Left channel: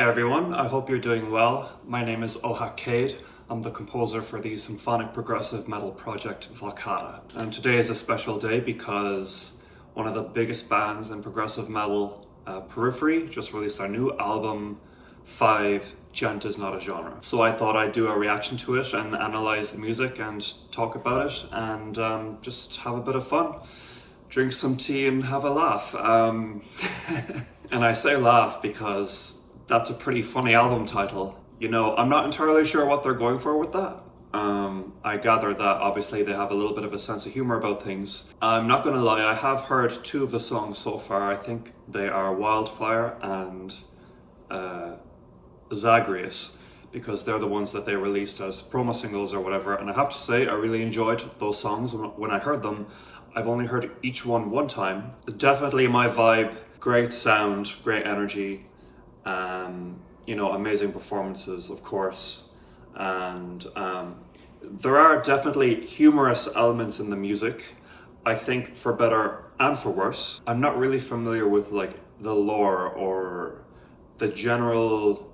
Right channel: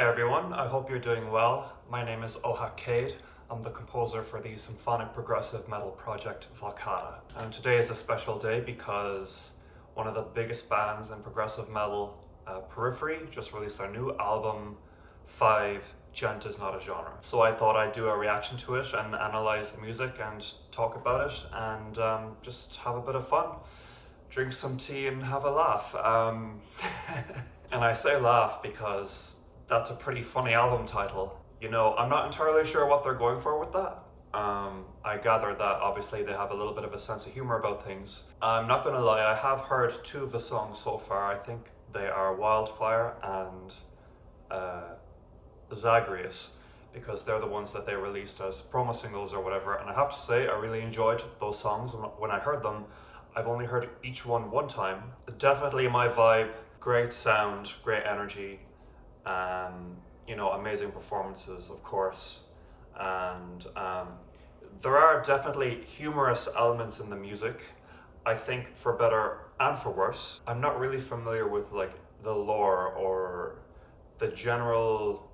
Hi everyone, I hope you're doing well. My name is Ohak Cade. I'm the composer for the symphonic progressive metal project Valcata. And today is a special day because one of the biggest bands in progressive metal, Periphery, just released their new album, 5, Djent is Not a Genre. So I thought I'd do a reaction to it and analyze the music and talk about it and just have a bit of fun. Drink some tea and have a laugh. And I say laugh because that's a pretty funny album title. You know, I'm not entirely sure what they're going for with that. I gather that obviously they have a little bit of a sense of humor about things. I'm not gonna lie, I have heard 2 of the songs so far. I think they are Wildfire and Zagreus, because they're the ones that they released as promo singles or whatever. And I have to say, I really enjoyed those songs when I heard them. I've only heard each one time. Definitely my vibe, great sound, great energy. You know, amazing performances, of course, and there are definitely humorous elements in the music, I think, for better and for worse. I'm not really familiar with like the lore or the general,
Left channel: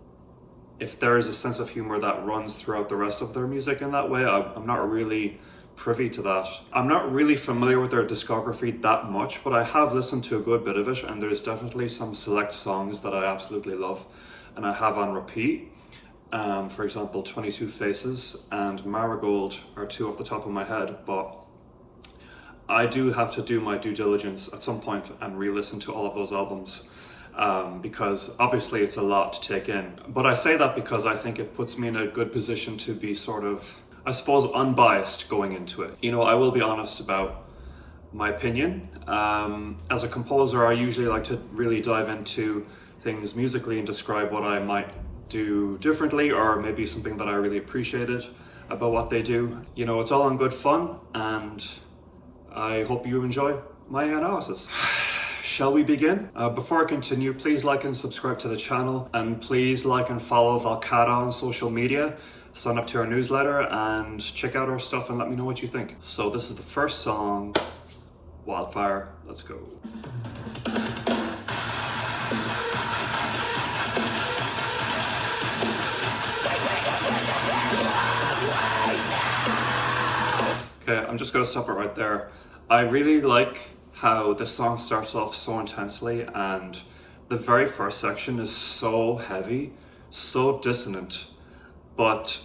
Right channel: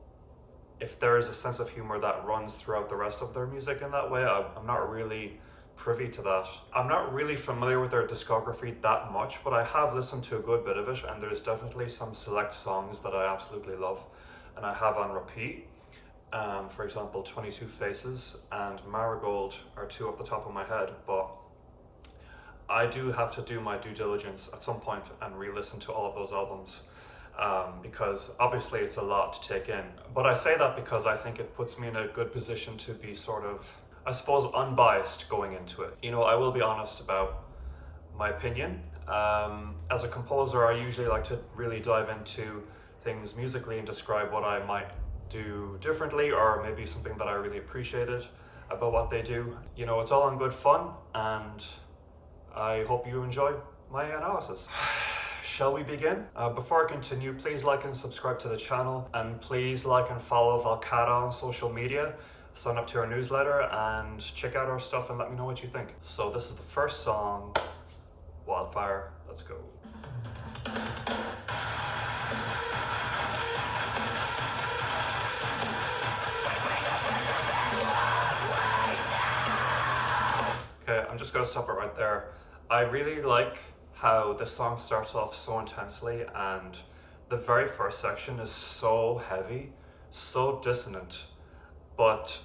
if there is a sense of humor that runs throughout the rest of their music in that way. I'm not really privy to that. I'm not really familiar with their discography that much, but I have listened to a good bit of it, and there's definitely some select songs that I absolutely love and I have on repeat. For example, 22 Faces and Marigold are 2 off the top of my head, but I do have to do my due diligence at some point and re-listen to all of those albums, because obviously it's a lot to take in. But I say that because I think it puts me in a good position to be sort of, I suppose, unbiased going into it. You know, I will be honest about my opinion. As a composer, I usually like to really dive into things musically and describe what I might do differently, or maybe something that I really appreciated about what they do. You know, it's all in good fun, and I hope you enjoy my analysis. Shall we begin? Before I continue, please like and subscribe to the channel, and please like and follow Valcata on social media. Sign up to our newsletter and check out our stuff and let me know what you think. So this is the first song, Wildfire. Let's go. Okay, I'm just gonna stop it right there. I really like how the song starts off so intensely, and the very first section is so heavy, so dissonant. But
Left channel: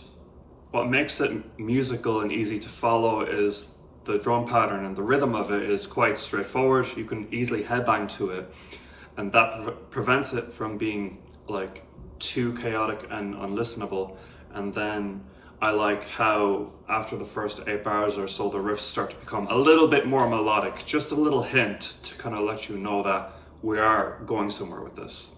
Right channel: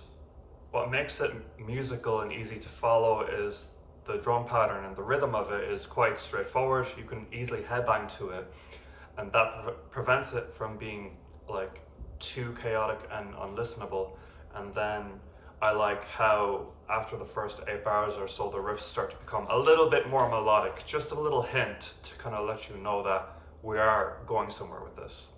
what makes it musical and easy to follow is the drum pattern, and the rhythm of it is quite straightforward. You can easily headbang to it, and that prevents it from being like too chaotic and unlistenable. And then I like how after the first 8 bars or so, the riffs start to become a little bit more melodic, just a little hint to kind of let you know that we are going somewhere with this.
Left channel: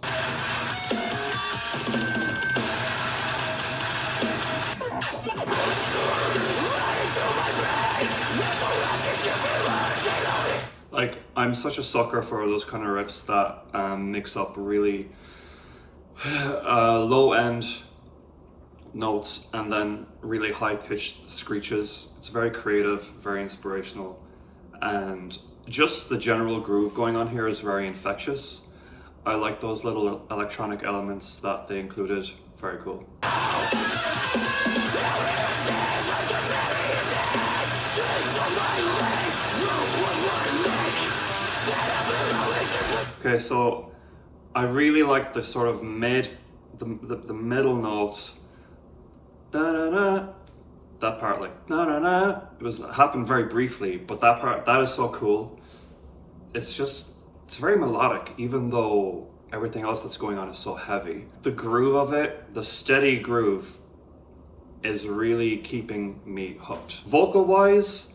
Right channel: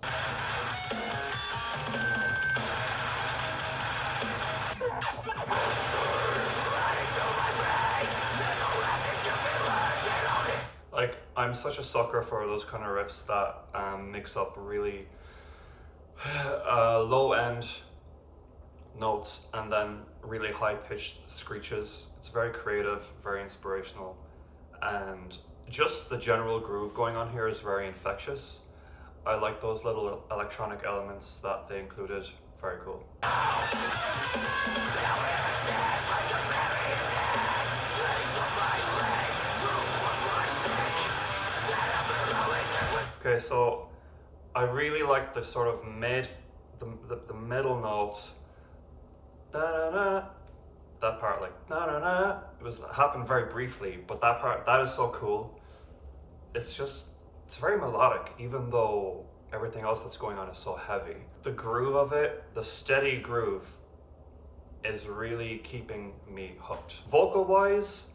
Like, I'm such a sucker for those kind of riffs that mix up really low end notes and then really high pitched screeches. It's very creative, very inspirational, and just the general groove going on here is very infectious. I like those little electronic elements that they included. Very cool. Okay, so I really like the sort of the middle notes. Da-da-da. That part, like da-da-da. It happened very briefly, but that part, that is so cool. It's very melodic, even though everything else that's going on is so heavy. The groove of it, the steady groove, is really keeping me hooked. Vocal wise,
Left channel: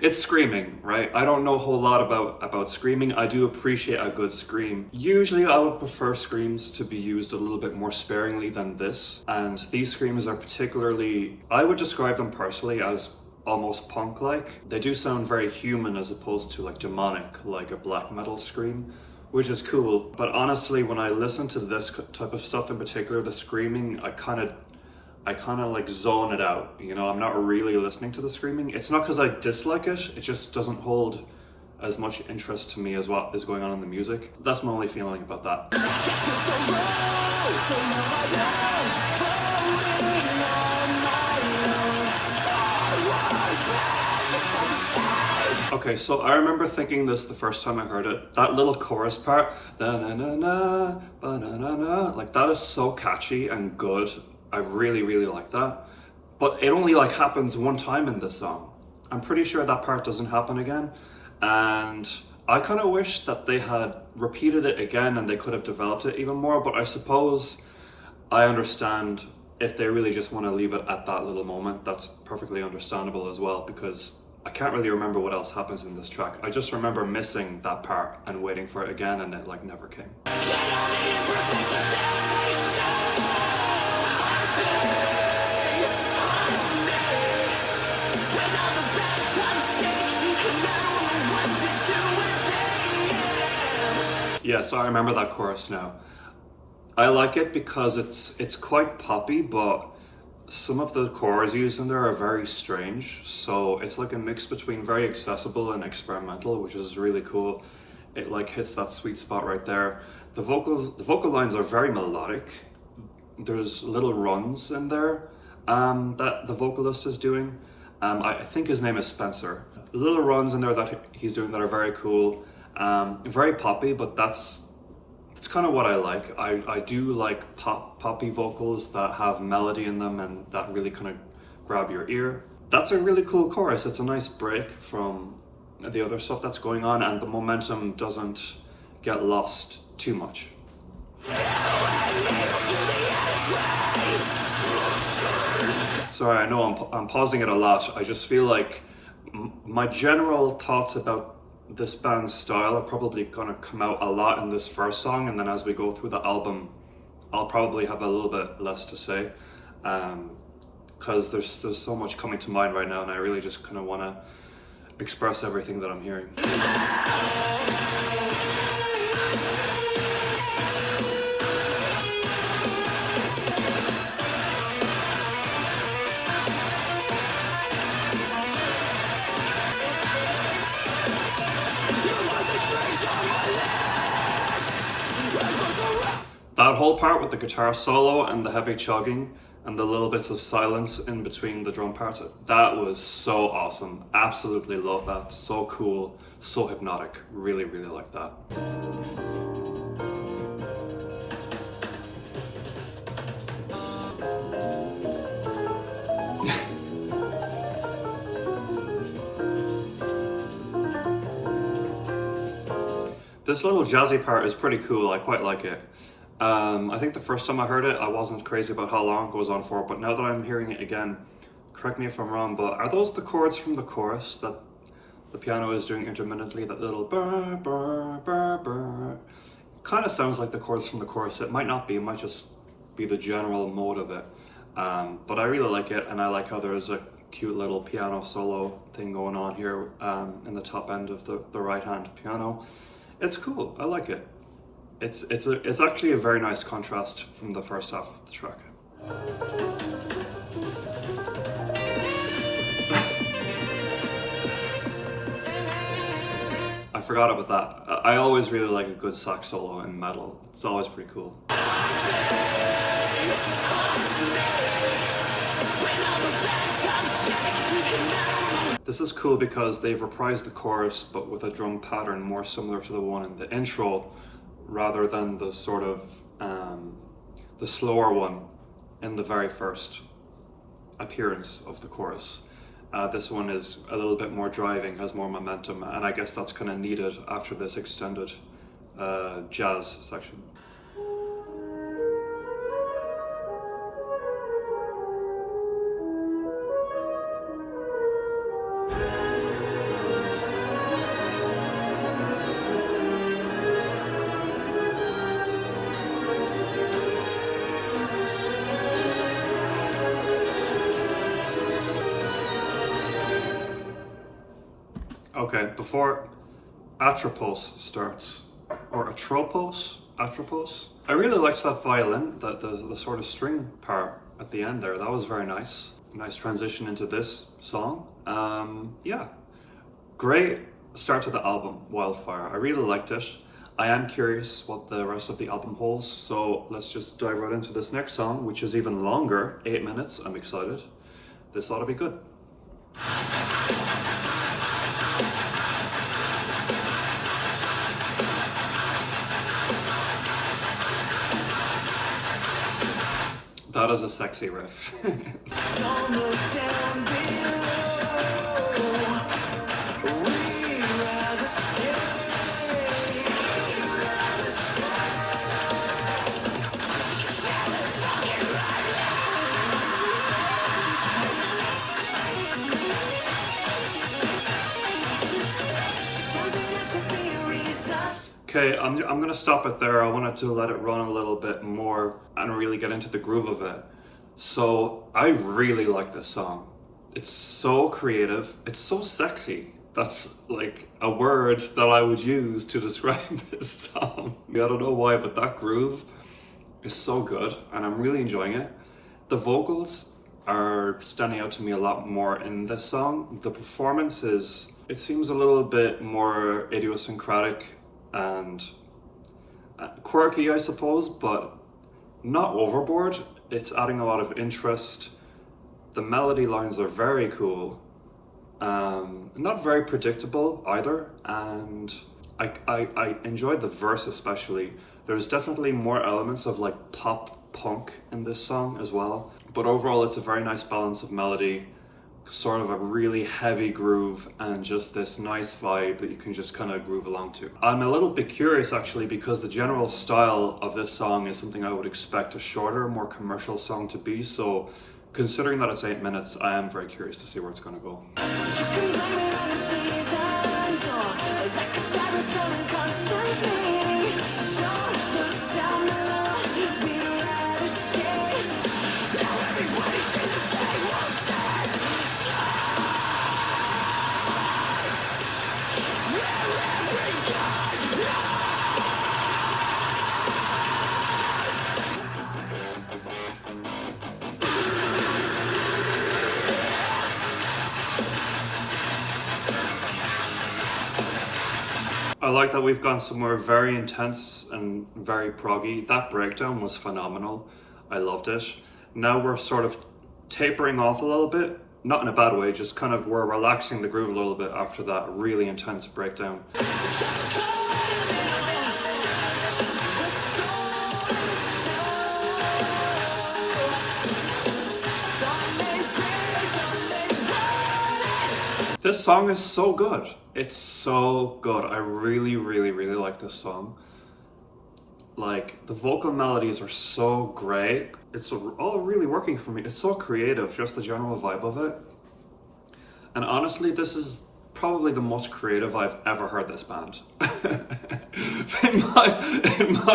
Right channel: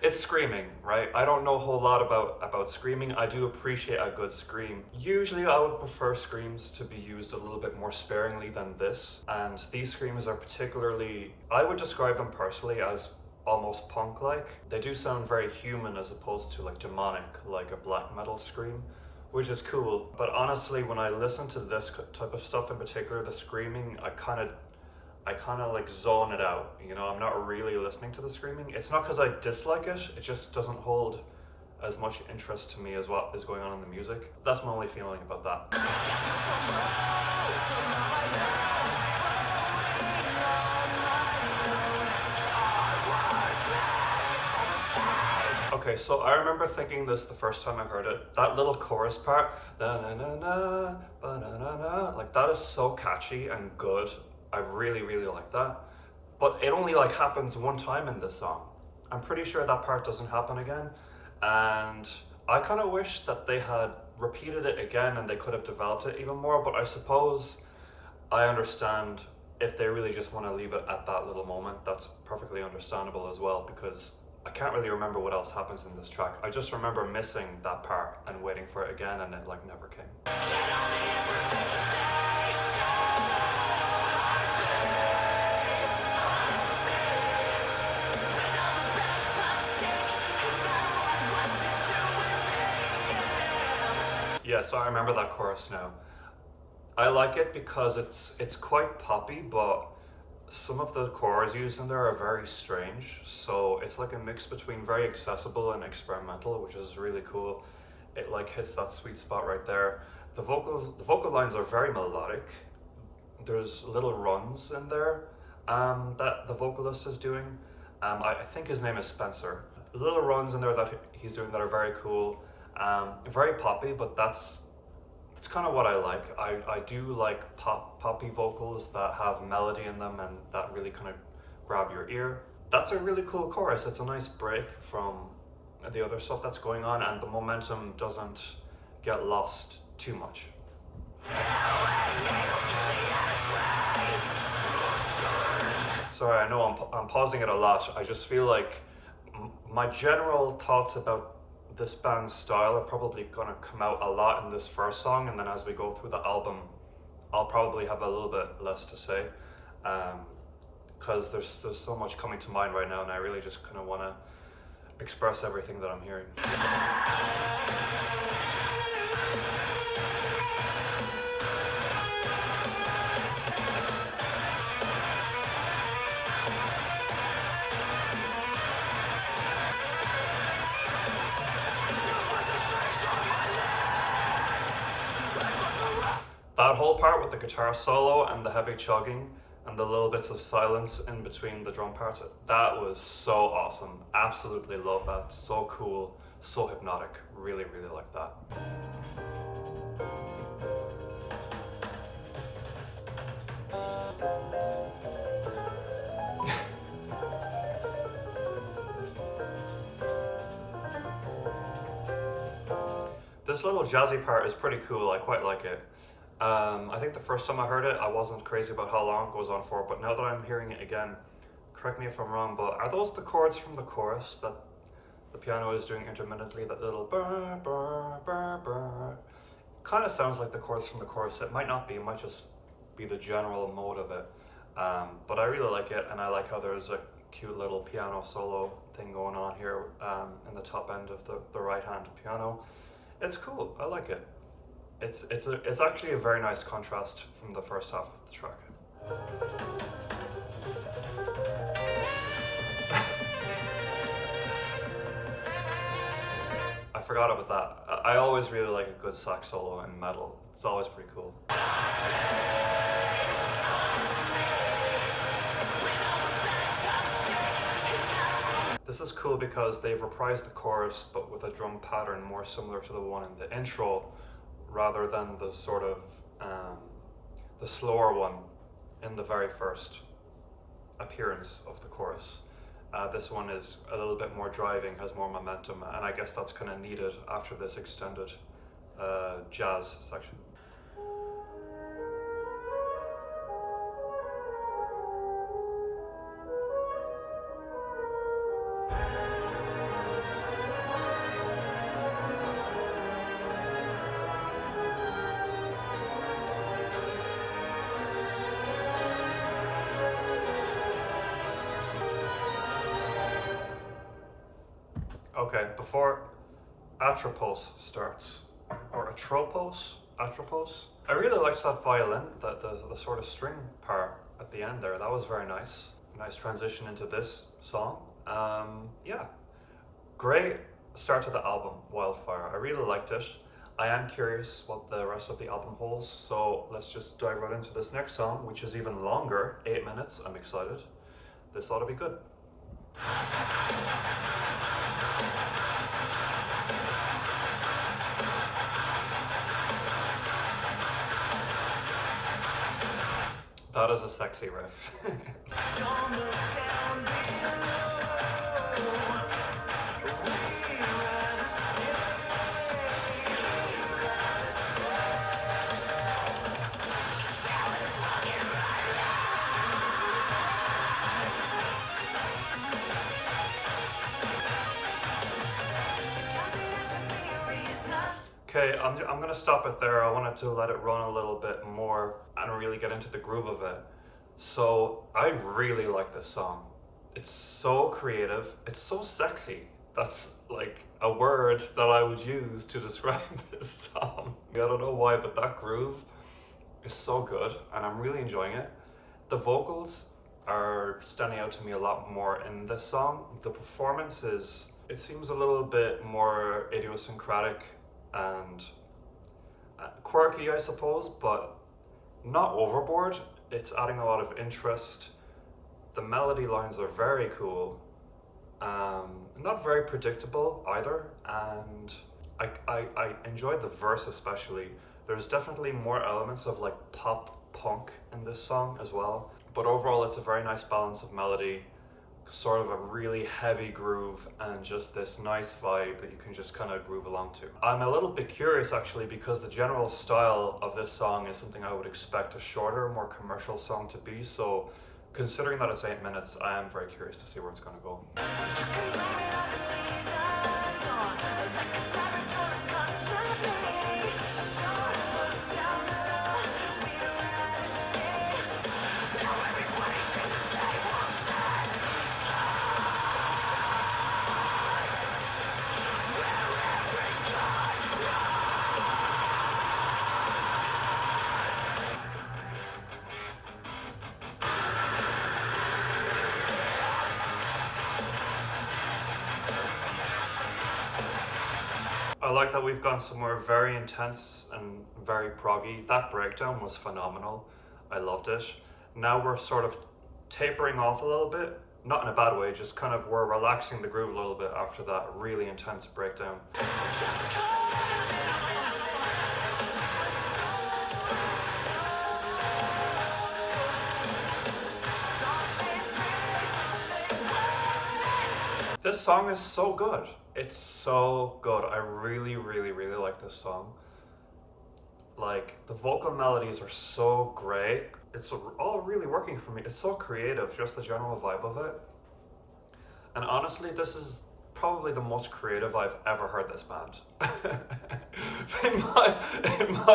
it's screaming, right? I don't know a whole lot about screaming. I do appreciate a good scream. Usually I would prefer screams to be used a little bit more sparingly than this. And these screams are particularly, I would describe them personally as almost punk-like. They do sound very human as opposed to like demonic, like a black metal scream, which is cool. But honestly, when I listen to this type of stuff in particular, the screaming, I kind of like zone it out, you know. I'm not really listening to the screaming. It's not because I dislike it, it just doesn't hold as much interest to me as what is going on in the music. That's my only feeling about that. Okay, so I remember thinking this the first time I heard it. That little chorus part, da na na na, ba na na na, like that is so catchy and good. I really, really like that. But it only like happens one time in this song. I'm pretty sure that part doesn't happen again. And I kind of wish that they had repeated it again and they could have developed it even more. But I suppose I understand if they really just want to leave it at that little moment. That's perfectly understandable as well, because I can't really remember what else happens in this track. I just remember missing that part and waiting for it again, and it like never came. Yeah, so I remember that chorus now. I like it because it's quite poppy, but some of the chords used in there are very strange. So it's like a mix between very accessible and experimental, which is really cool. It like hits that sweet spot right there. The vocal lines are very melodic. There's little runs in there that the vocalist is doing. I think his name is Spencer. Little runs in there that he's doing that are very cool. Very poppy, but that's kind of what I like. I do like poppy vocals that have melody in them and that really kind of grab your ear. That's a really cool chorus. It's a nice break from the other stuff that's going on, and the momentum doesn't get lost too much. Sorry, I know I'm pausing it a lot. I just feel like my general thoughts about this band's style are probably gonna come out a lot in this first song, and then as we go through the album I'll probably have a little bit less to say, because there's so much coming to mind right now, and I really just kind of want to express everything that I'm hearing. That whole part with the guitar solo and the heavy chugging and the little bits of silence in between the drum parts, that was so awesome. Absolutely love that. So cool, so hypnotic. Really, really like that. This little jazzy part is pretty cool. I quite like it. I think the first time I heard it, I wasn't crazy about how long it goes on for, but now that I'm hearing it again, correct me if I'm wrong, but are those the chords from the chorus that the piano is doing intermittently? That little burr, burr, burr, burr. Kind of sounds like the chords from the chorus. It might not be, it might just be the general mode of it. But I really like it, and I like how there's a cute little piano solo thing going on here in the top end of the right-hand piano. It's cool, I like it. It's actually a very nice contrast from the first half of the track. I forgot about that. I always really like a good sax solo in metal. It's always pretty cool. This is cool because they've reprised the chorus, but with a drum pattern more similar to the one in the intro, rather than the sort of the slower one in the very first appearance of the chorus. This one is a little bit more driving, has more momentum, and I guess that's kind of needed after this extended jazz section. Okay, before Atropos starts, or Atropos, I really liked that violin, the sort of string part at the end there. That was very nice. Nice transition into this song. Yeah, great start to the album, Wildfire. I really liked it. I am curious what the rest of the album holds, so let's just dive right into this next song, which is even longer, 8 minutes. I'm excited. This ought to be good. That is a sexy riff. Don't look down below. We'd rather stay. Okay, I'm gonna stop it there. I wanted to let it run a little bit more and really get into the groove of it. So I really like this song. It's so creative. It's so sexy. That's like a word that I would use to describe this song. I don't know why, but that groove is so good and I'm really enjoying it. The vocals are standing out to me a lot more in this song. The performances, it seems a little bit more idiosyncratic and quirky, I suppose, but not overboard. It's adding a lot of interest. The melody lines are very cool. Not very predictable either, and I enjoyed the verse especially. There's definitely more elements of like pop punk in this song as well, but overall it's a very nice balance of melody, sort of a really heavy groove, and just this nice vibe that you can just kind of groove along to. I'm a little bit curious actually, because the general style of this song is something I would expect a shorter, more commercial song to be, so considering that it's 8 minutes, I am very curious to see where it's going to go. You can blame it on the seasons, or like a siren flowing constantly. Don't look down below, we'd rather stay. Now everybody seems to say what's that side, where every god I like that we've gone somewhere very intense and very proggy. That breakdown was phenomenal. I loved it. Now we're sort of tapering off a little bit, not in a bad way, just kind of we're relaxing the groove a little bit after that really intense breakdown. This song is so good. It's so good. I really, really, really like this song. Like, the vocal melodies are so great. It's all really working for me. It's so creative, just the general vibe of it. And honestly, this is probably the most creative I've ever heard this band. in my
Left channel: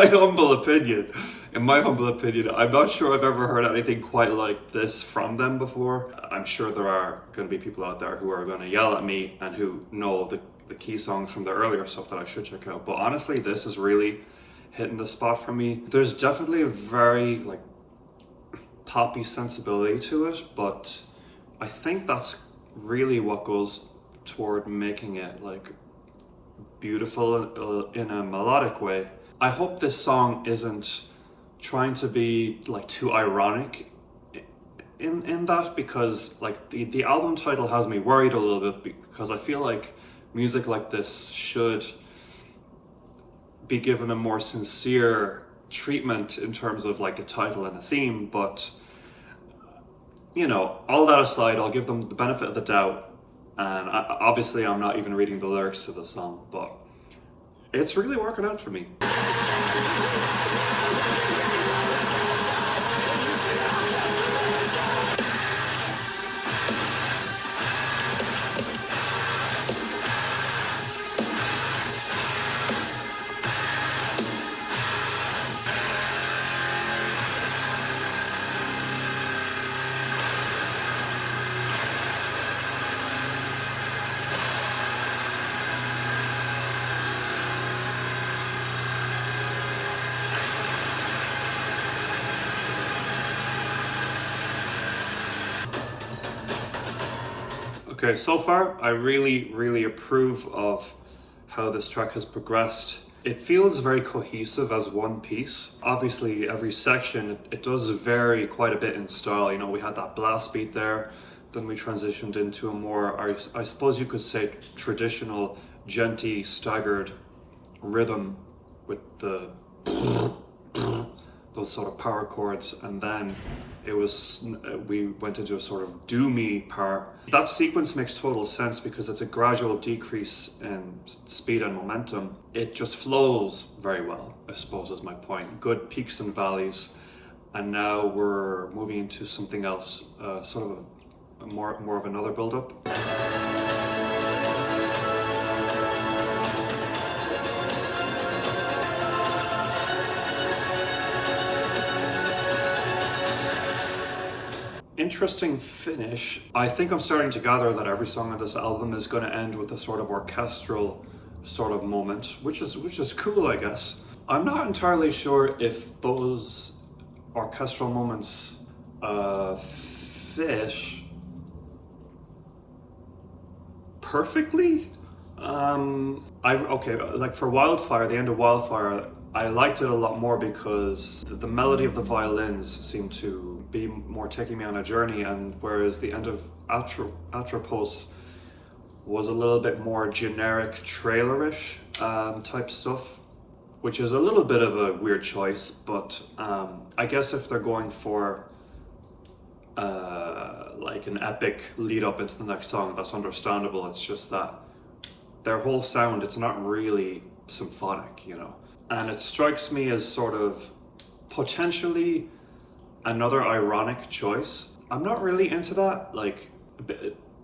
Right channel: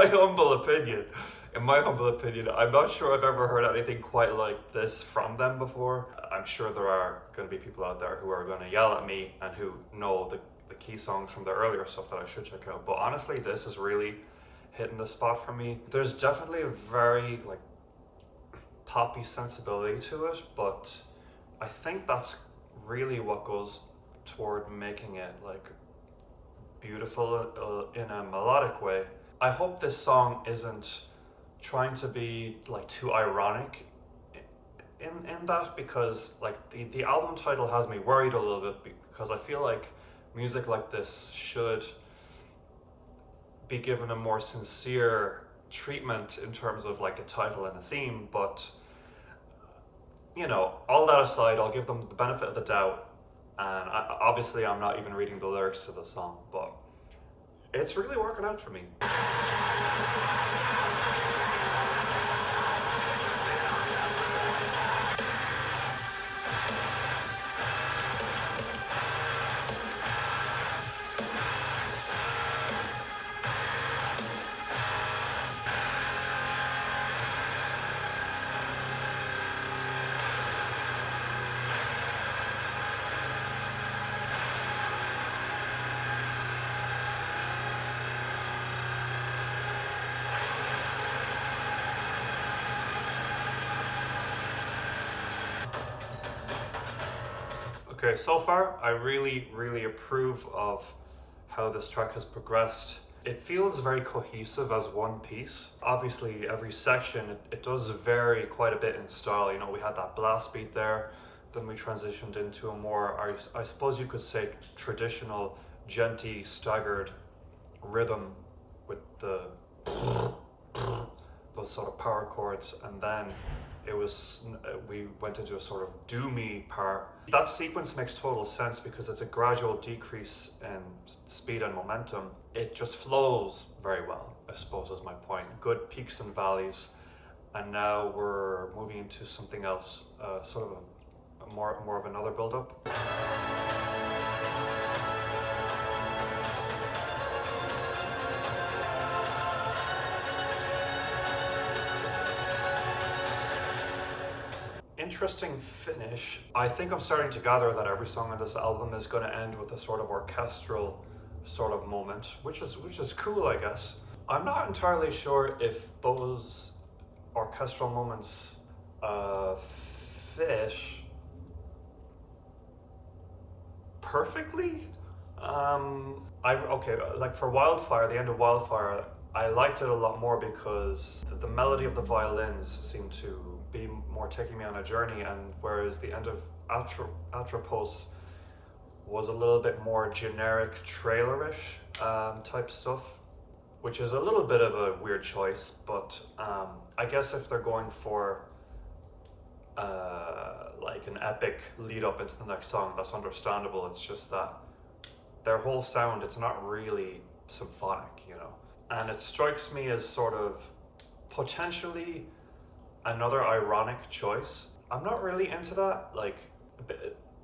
humble opinion, I'm not sure I've ever heard anything quite like this from them before. I'm sure there are going to be people out there who are going to yell at me and who know the key songs from the earlier stuff that I should check out. But honestly, this is really hitting the spot for me. There's definitely a very like poppy sensibility to it, but I think that's really what goes toward making it like beautiful in a melodic way. I hope this song isn't trying to be like too ironic in that, because like the album title has me worried a little bit, because I feel like music like this should be given a more sincere treatment in terms of like a title and a theme. But you know, all that aside, I'll give them the benefit of the doubt, and obviously I'm not even reading the lyrics to the song, but it's really working out for me. Okay, so far I really approve of how this track has progressed. It feels very cohesive as one piece. Obviously every section, it does vary quite a bit in style. You know, we had that blast beat there, then we transitioned into a more, I suppose you could say, traditional, djenty, staggered rhythm with the those sort of power chords, and then we went into a sort of doomy part. That sequence makes total sense because it's a gradual decrease in speed and momentum. It just flows very well, I suppose is my point. Good peaks and valleys, and now we're moving into something else, sort of a more of another build-up. Interesting finish. I think I'm starting to gather that every song on this album is going to end with a sort of orchestral sort of moment, which is cool, I guess. I'm not entirely sure if those orchestral moments fit perfectly. Okay, like for Wildfire, the end of Wildfire, I liked it a lot more because the melody of the violins seemed to be more taking me on a journey, and whereas the end of Atropos was a little bit more generic trailerish type stuff, which is a little bit of a weird choice, but I guess if they're going for like an epic lead up into the next song, that's understandable. It's just that their whole sound, it's not really symphonic, you know. And it strikes me as sort of potentially another ironic choice. I'm not really into that, like,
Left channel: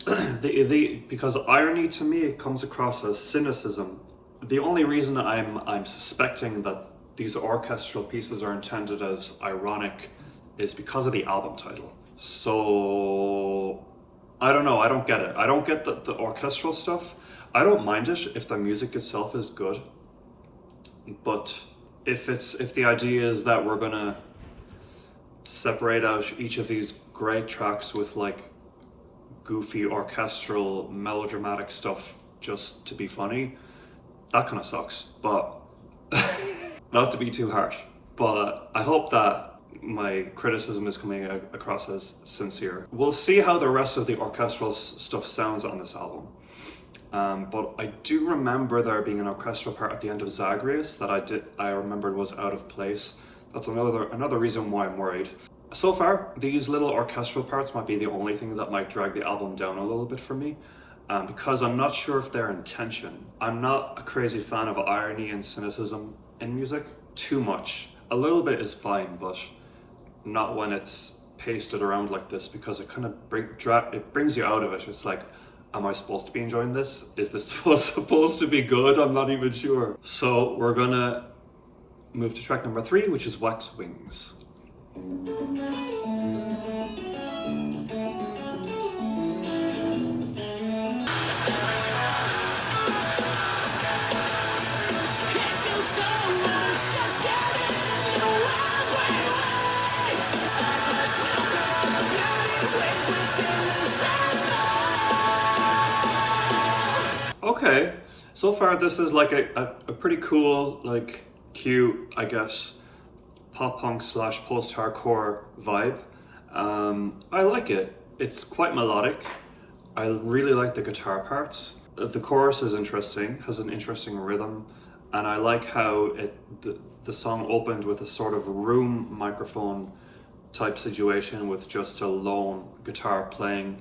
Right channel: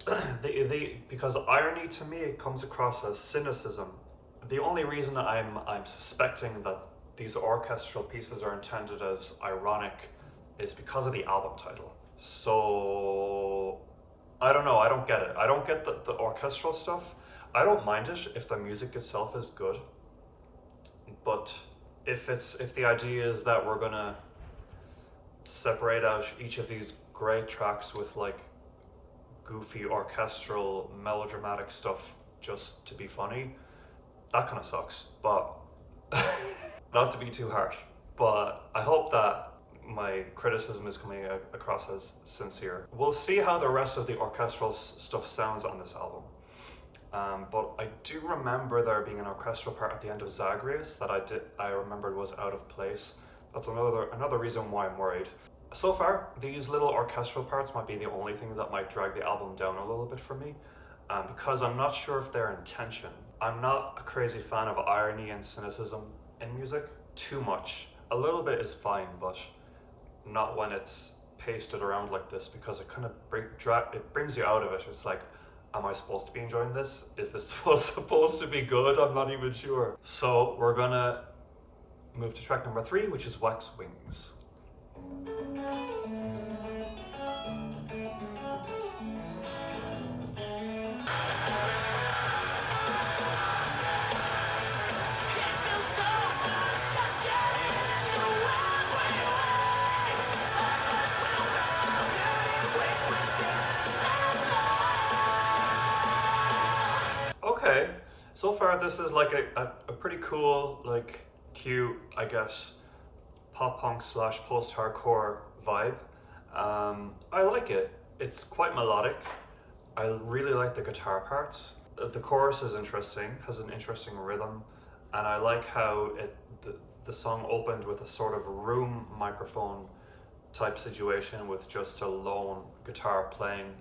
because irony to me, it comes across as cynicism. The only reason I'm suspecting that these orchestral pieces are intended as ironic is because of the album title. So I don't know, I don't get it. I don't get the orchestral stuff. I don't mind it if the music itself is good. But if the idea is that we're gonna separate out each of these great tracks with like goofy orchestral melodramatic stuff just to be funny, that kind of sucks. But not to be too harsh, but I hope that my criticism is coming across as sincere. We'll see how the rest of the orchestral stuff sounds on this album. But I do remember there being an orchestral part at the end of Zagreus that I remembered was out of place. That's another reason why I'm worried. So far, these little orchestral parts might be the only thing that might drag the album down a little bit for me, because I'm not sure if their intention. I'm not a crazy fan of irony and cynicism in music too much. A little bit is fine, but not when it's pasted around like this, because it kind of it brings you out of it. It's like, am I supposed to be enjoying this? Is this supposed to be good? I'm not even sure. So we're gonna move to track number 3, which is Wax Wings. Okay, so far this is like a pretty cool, like cute, I guess, pop punk / post-hardcore vibe. I like it. It's quite melodic. I really like the guitar parts. The chorus is interesting, has an interesting rhythm, and I like how the song opened with a sort of room microphone type situation with just a lone guitar playing.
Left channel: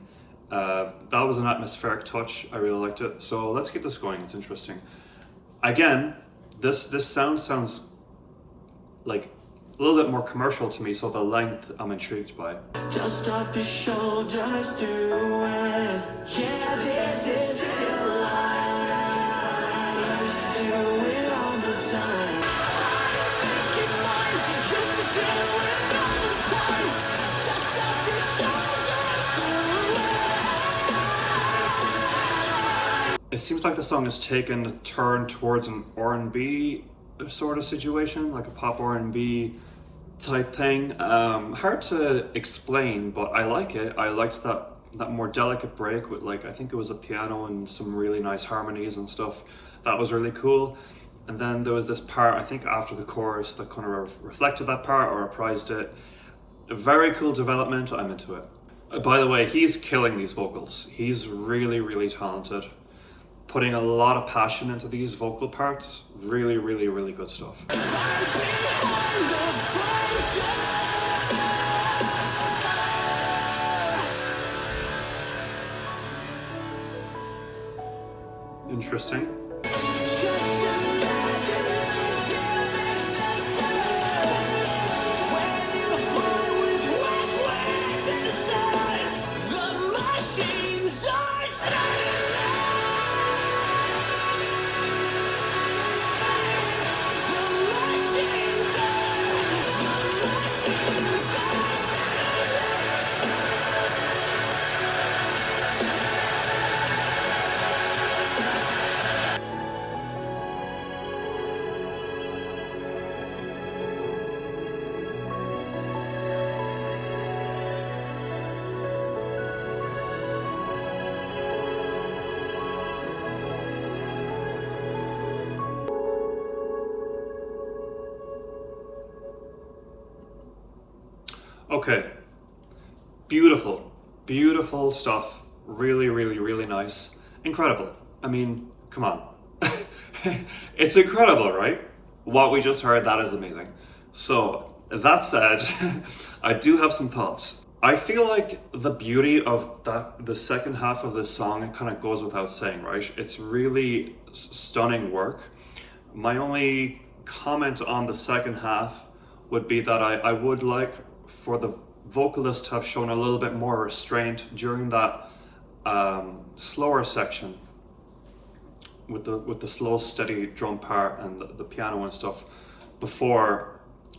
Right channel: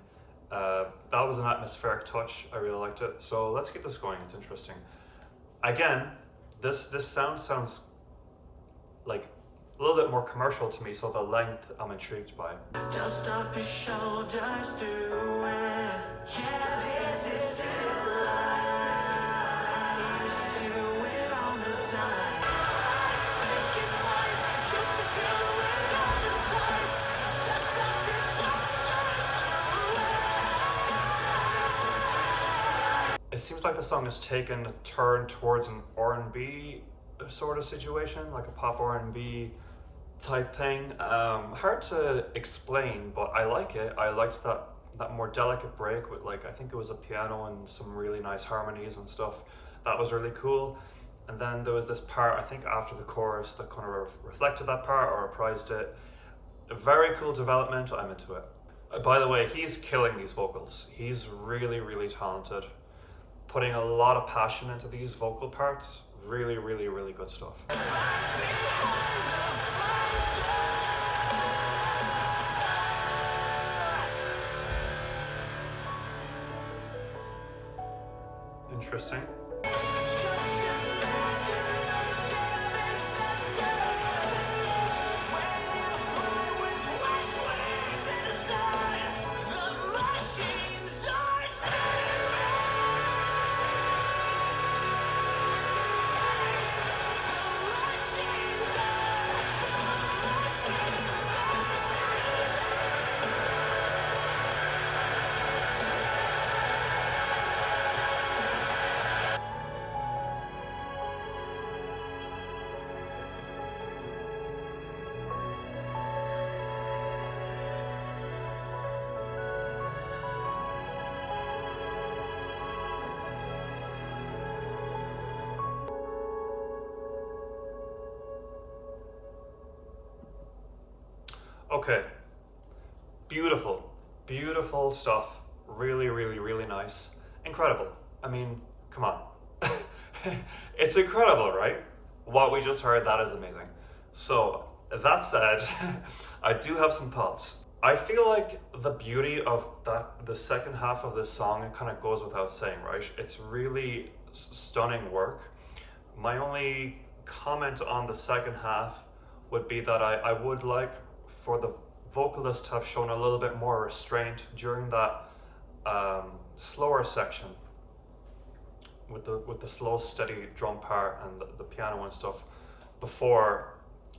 That was an atmospheric touch. I really liked it. So let's keep this going. It's interesting. Again, this sounds like a little bit more commercial to me, so the length I'm intrigued by. Just off your shoulders through it. Yeah, this is still life. Used to do it all the time. Make it mine. Used to do it all the time. Just off your shoulders through it. It seems like the song has taken a turn towards an R&B sort of situation, like a pop R&B type thing. Hard to explain, but I like it. I liked that that more delicate break with, like, I think it was a piano and some really nice harmonies and stuff. That was really cool. And then there was this part, I think after the chorus, that kind of reflected that part or reprised it. A very cool development, I'm into it. By the way, he's killing these vocals. He's really, really talented. Putting a lot of passion into these vocal parts. Really, really, really good stuff. Interesting. Okay, beautiful, beautiful stuff. Really, really, really nice. Incredible. I mean, come on. It's incredible, right? What we just heard, that is amazing. So, that said, I do have some thoughts. I feel like the beauty of the second half of this song, it kind of goes without saying, right? It's really stunning work. My only comment on the second half would be that I would like for the vocalist to have shown a little bit more restraint during that slower section with the slow, steady drum part and the piano and stuff before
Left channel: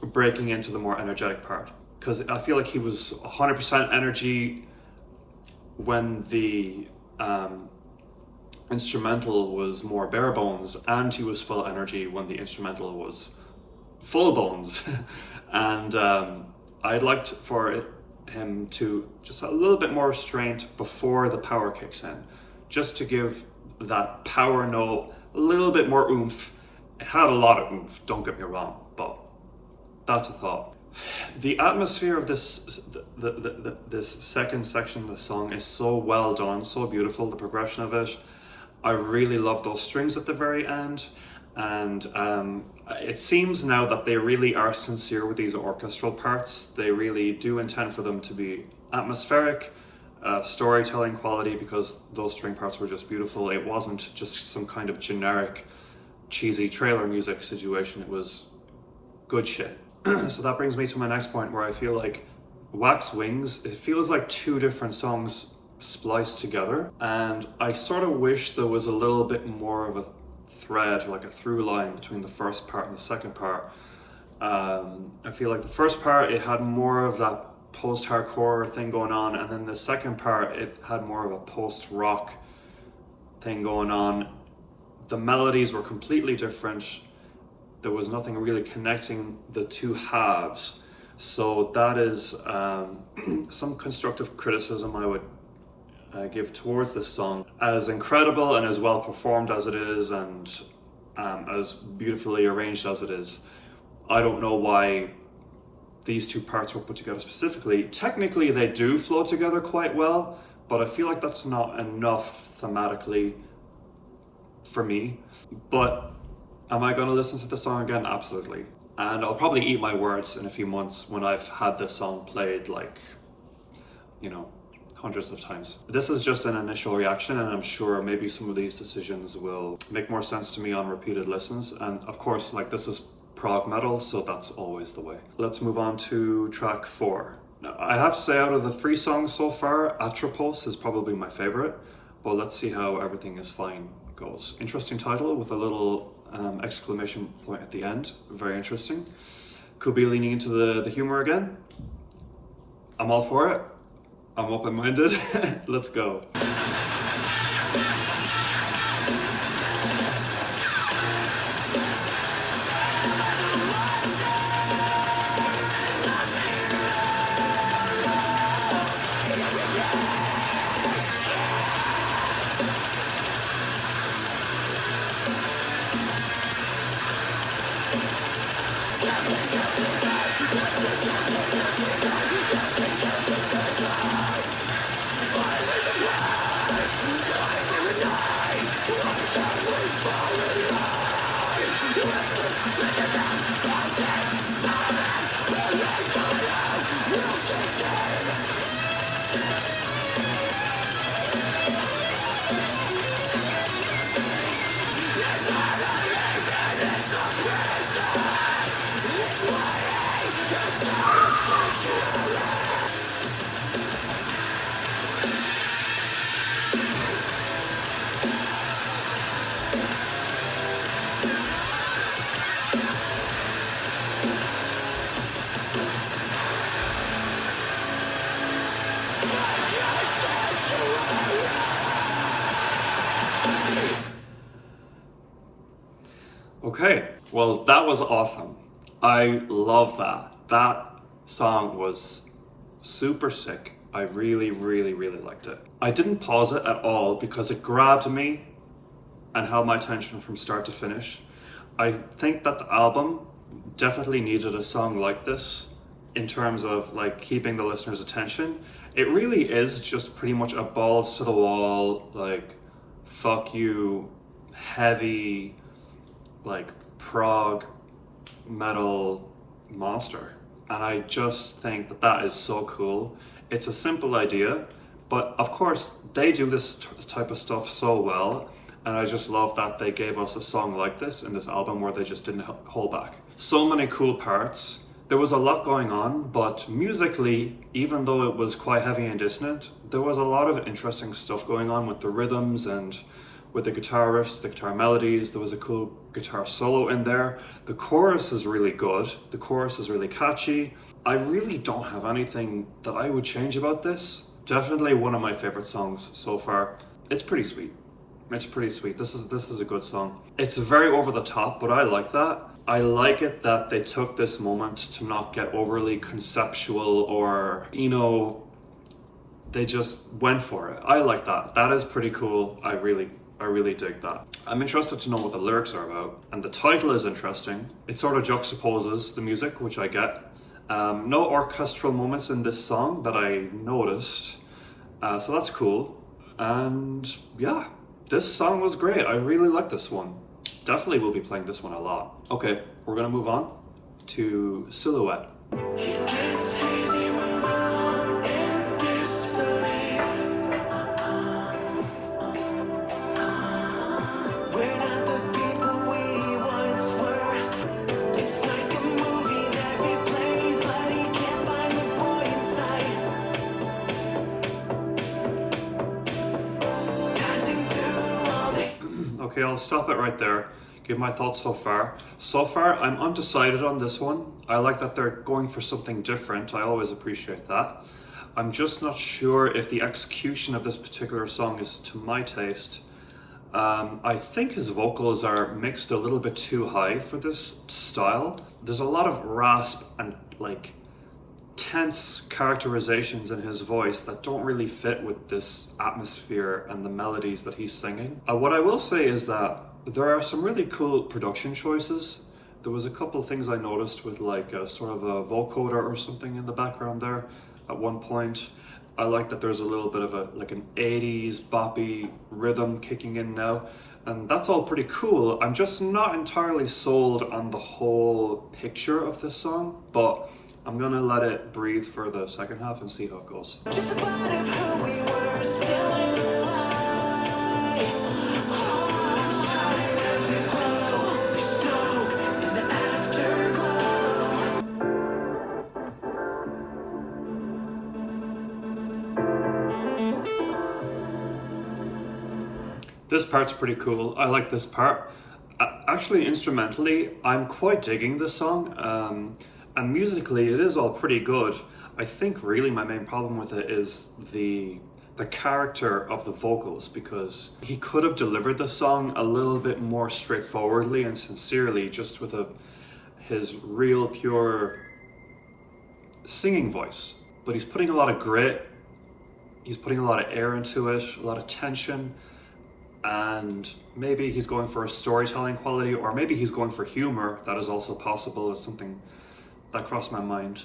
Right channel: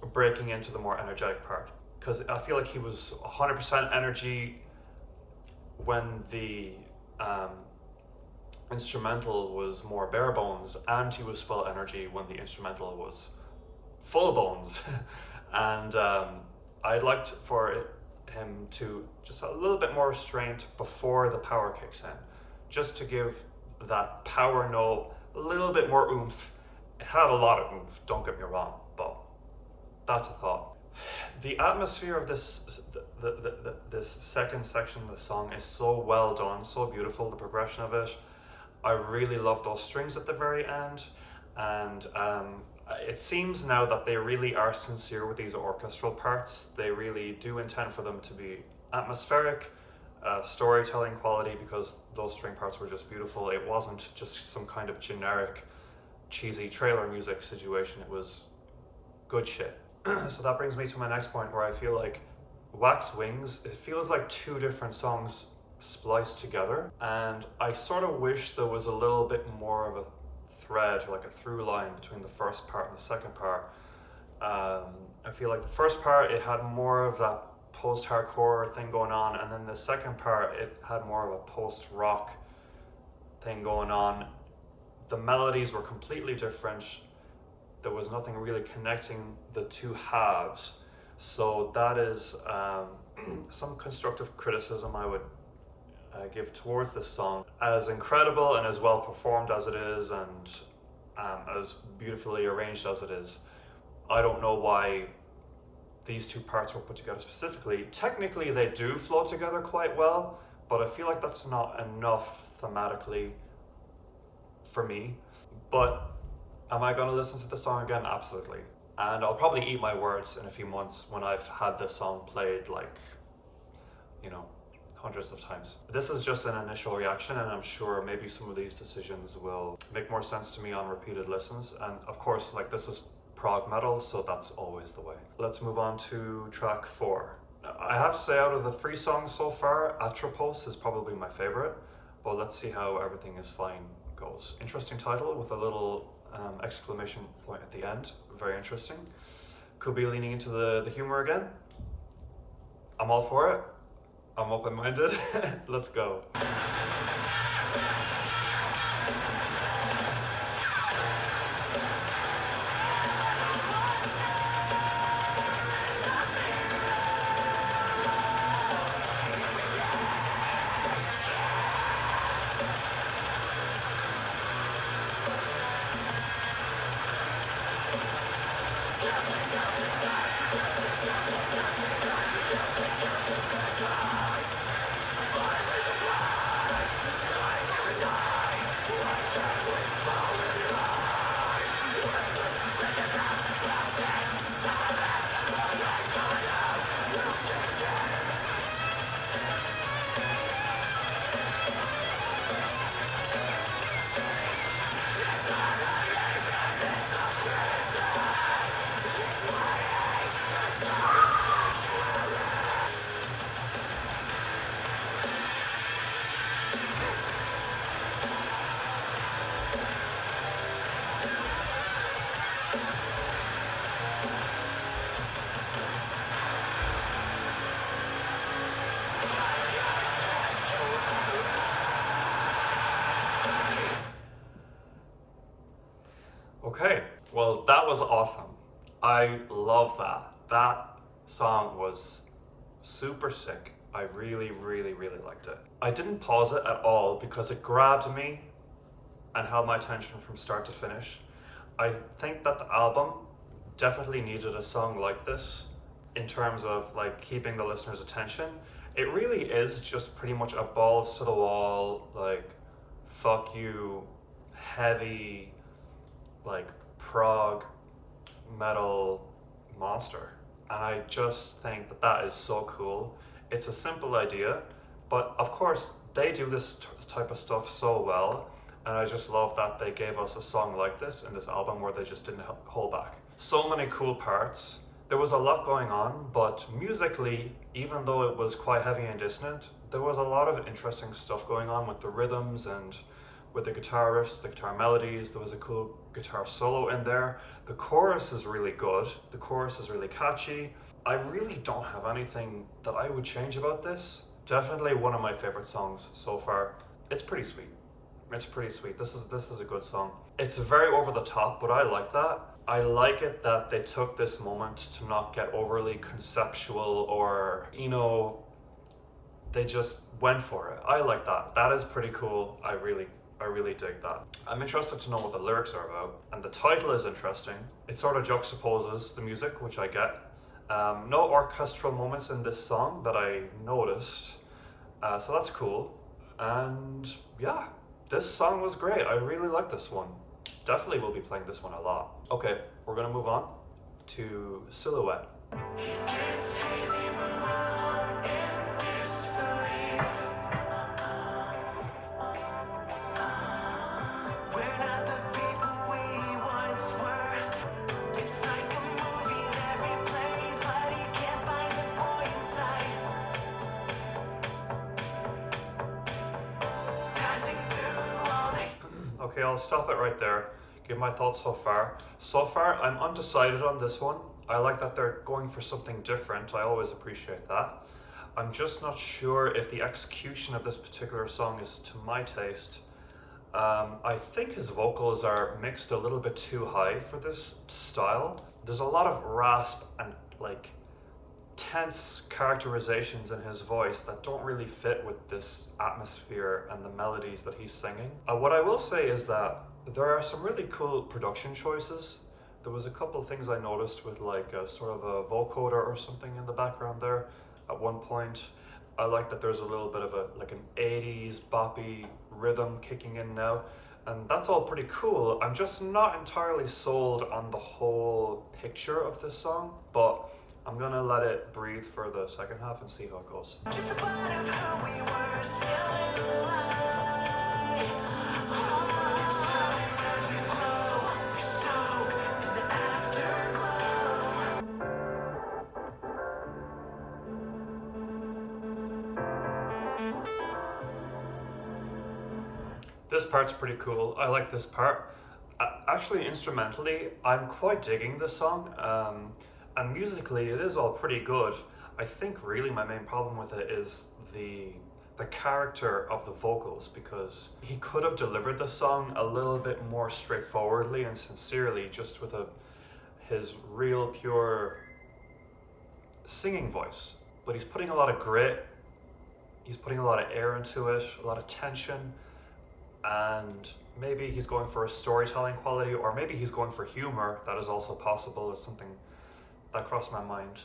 breaking into the more energetic part. Because I feel like he was 100% energy when the instrumental was more bare bones, and he was full energy when the instrumental was full bones. And I'd liked for him to just a little bit more restraint before the power kicks in, just to give that power note a little bit more oomph. It had a lot of oomph, don't get me wrong, but that's a thought. The atmosphere of this this second section of the song is so well done, so beautiful, the progression of it. I really love those strings at the very end, and it seems now that they really are sincere with these orchestral parts. They really do intend for them to be atmospheric, storytelling quality, because those string parts were just beautiful. It wasn't just some kind of generic, cheesy trailer music situation. It was good shit. So that brings me to my next point, where I feel like Wax Wings, it feels like two different songs spliced together, and I sort of wish there was a little bit more of a thread, like a through line between the first part and the second part. I feel like the first part, it had more of that post-hardcore thing going on, and then the second part, it had more of a post-rock thing going on. The melodies were completely different. There was nothing really connecting the two halves. So that is some constructive criticism I would give towards this song. As incredible and as well performed as it is, and as beautifully arranged as it is, I don't know why these two parts were put together specifically. Technically they do flow together quite well, but I feel like that's not enough thematically for me. But am I going to listen to the song again? Absolutely. And I'll probably eat my words in a few months when I've had this song played, like, you know, hundreds of times. This is just an initial reaction, and I'm sure maybe some of these decisions will make more sense to me on repeated listens. And of course, like, this is prog metal, so that's always the way. Let's move on to track 4. Now, I have to say, out of the 3 songs so far, Atropos is probably my favorite, but let's see how Everything Is Fine goes. Interesting title with a little exclamation point at the end. Very interesting. Could be leaning into the humor again. I'm all for it. I'm open-minded. Let's go. Okay, well, that was awesome. I love that. That song was super sick. I really, really, really liked it. I didn't pause it at all because it grabbed me and held my attention from start to finish. I think that the album definitely needed a song like this in terms of like keeping the listener's attention. It really is just pretty much a balls to the wall, like fuck you, heavy, like prog metal monster. And I just think that that is so cool. It's a simple idea, but of course they do this type of stuff so well, and I just love that they gave us a song like this in this album where they just didn't hold back. So many cool parts. There was a lot going on, but musically, even though it was quite heavy and dissonant, there was a lot of interesting stuff going on with the rhythms and with the guitar riffs, the guitar melodies. There was a cool guitar solo in there. The chorus is really good. The chorus is really catchy. I really don't have anything that I would change about this. Definitely one of my favorite songs so far. It's pretty sweet. It's pretty sweet. This is a good song. It's very over the top, but I like that. I like it that they took this moment to not get overly conceptual or, you know, they just went for it. I like that. That is pretty cool. I really dig that. I'm interested to know what the lyrics are about, and the title is interesting. It sort of juxtaposes the music, which I get. No orchestral moments in this song that I noticed, so that's cool. And yeah, this song was great. I really like this one. Definitely will be playing this one a lot. Okay, we're gonna move on to Silhouette. Okay, I'll stop it right there. Give my thoughts so far. So far, I'm undecided on this one. I like that they're going for something different. I always appreciate that. I'm just not sure if the execution of this particular song is to my taste. I think his vocals are mixed a little bit too high for this style. There's a lot of rasp and like tense characterizations in his voice that don't really fit with this atmosphere and the melodies that he's singing. What I will say is that there are some really cool production choices. There was a couple of things I noticed with like a sort of a vocoder or something in the background there at one point. I like that there's a little bit of a like an 80s boppy rhythm kicking in now, and that's all pretty cool. I'm just not entirely sold on the whole picture of this song, but I'm gonna let it breathe for the second half and see how it goes. Just a part of who we were, still in the light. This part's pretty cool. I like this part. Actually, instrumentally, I'm quite digging this song. And musically, it is all pretty good. I think really my main problem with it is the character of the vocals, because he could have delivered the song a little bit more straightforwardly and sincerely, just with his real pure singing voice. But he's putting a lot of grit, he's putting a lot of air into it, a lot of tension, and maybe he's going for a storytelling quality, or maybe he's going for humor. That is also possible. It's something that crossed my mind.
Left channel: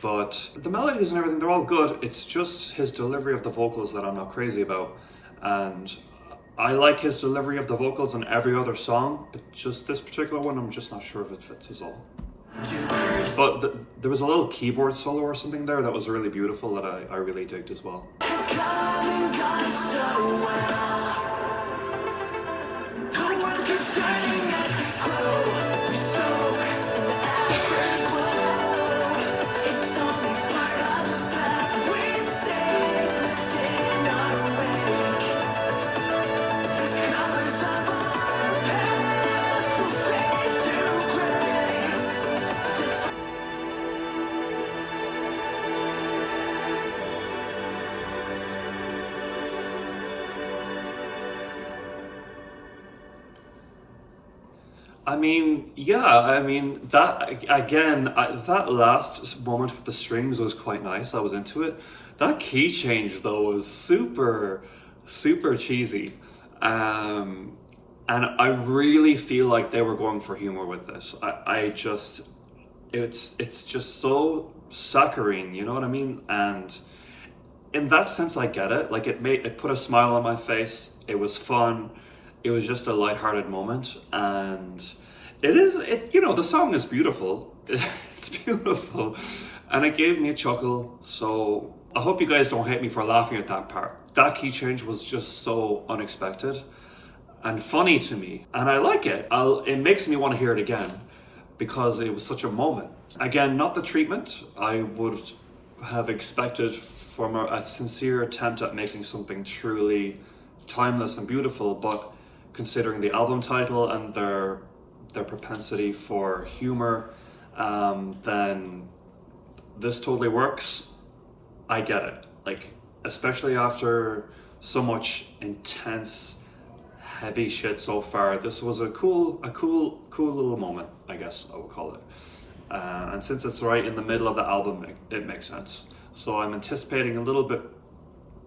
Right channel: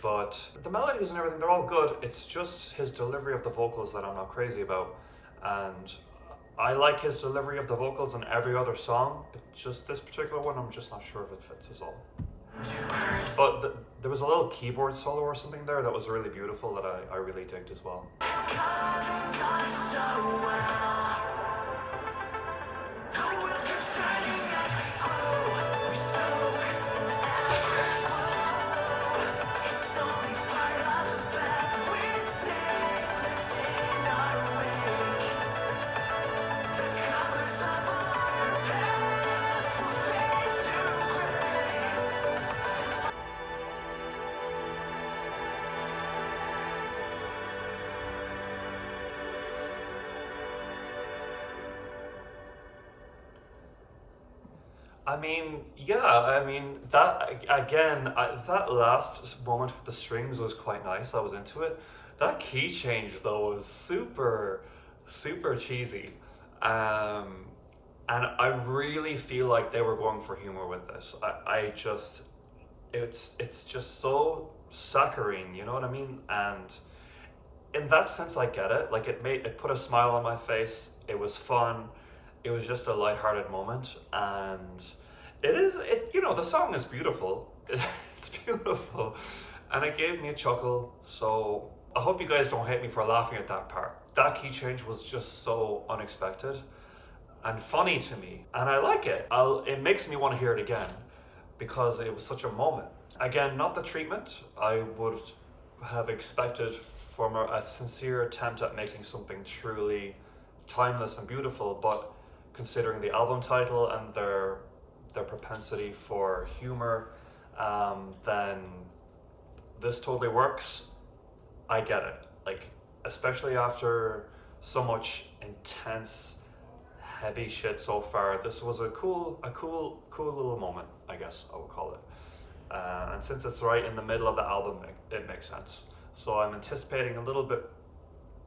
But the melodies and everything, they're all good. It's just his delivery of the vocals that I'm not crazy about. And I like his delivery of the vocals on every other song, but just this particular one, I'm just not sure if it fits as all. But there was a little keyboard solo or something there that was really beautiful that I really digged as well. I mean, yeah, I mean, that again, that last moment with the strings was quite nice. I was into it. That key change, though, was super, super cheesy. Um, and I really feel like they were going for humor with this. I just, it's just so saccharine, you know what I mean? And in that sense, I get it. Like it put a smile on my face. It was fun. It was just a lighthearted moment, and you know, the song is beautiful. It's beautiful, and it gave me a chuckle. So I hope you guys don't hate me for laughing at that part. That key change was just so unexpected and funny to me, and I like it. It makes me want to hear it again because it was such a moment. Again, not the treatment I would have expected from a sincere attempt at making something truly timeless and beautiful, but considering the album title and their propensity for humor, then this totally works. I get it. Like, especially after so much intense, heavy shit so far, this was a cool little moment, I guess I would call it. And since it's right in the middle of the album, it makes sense. So I'm anticipating a little bit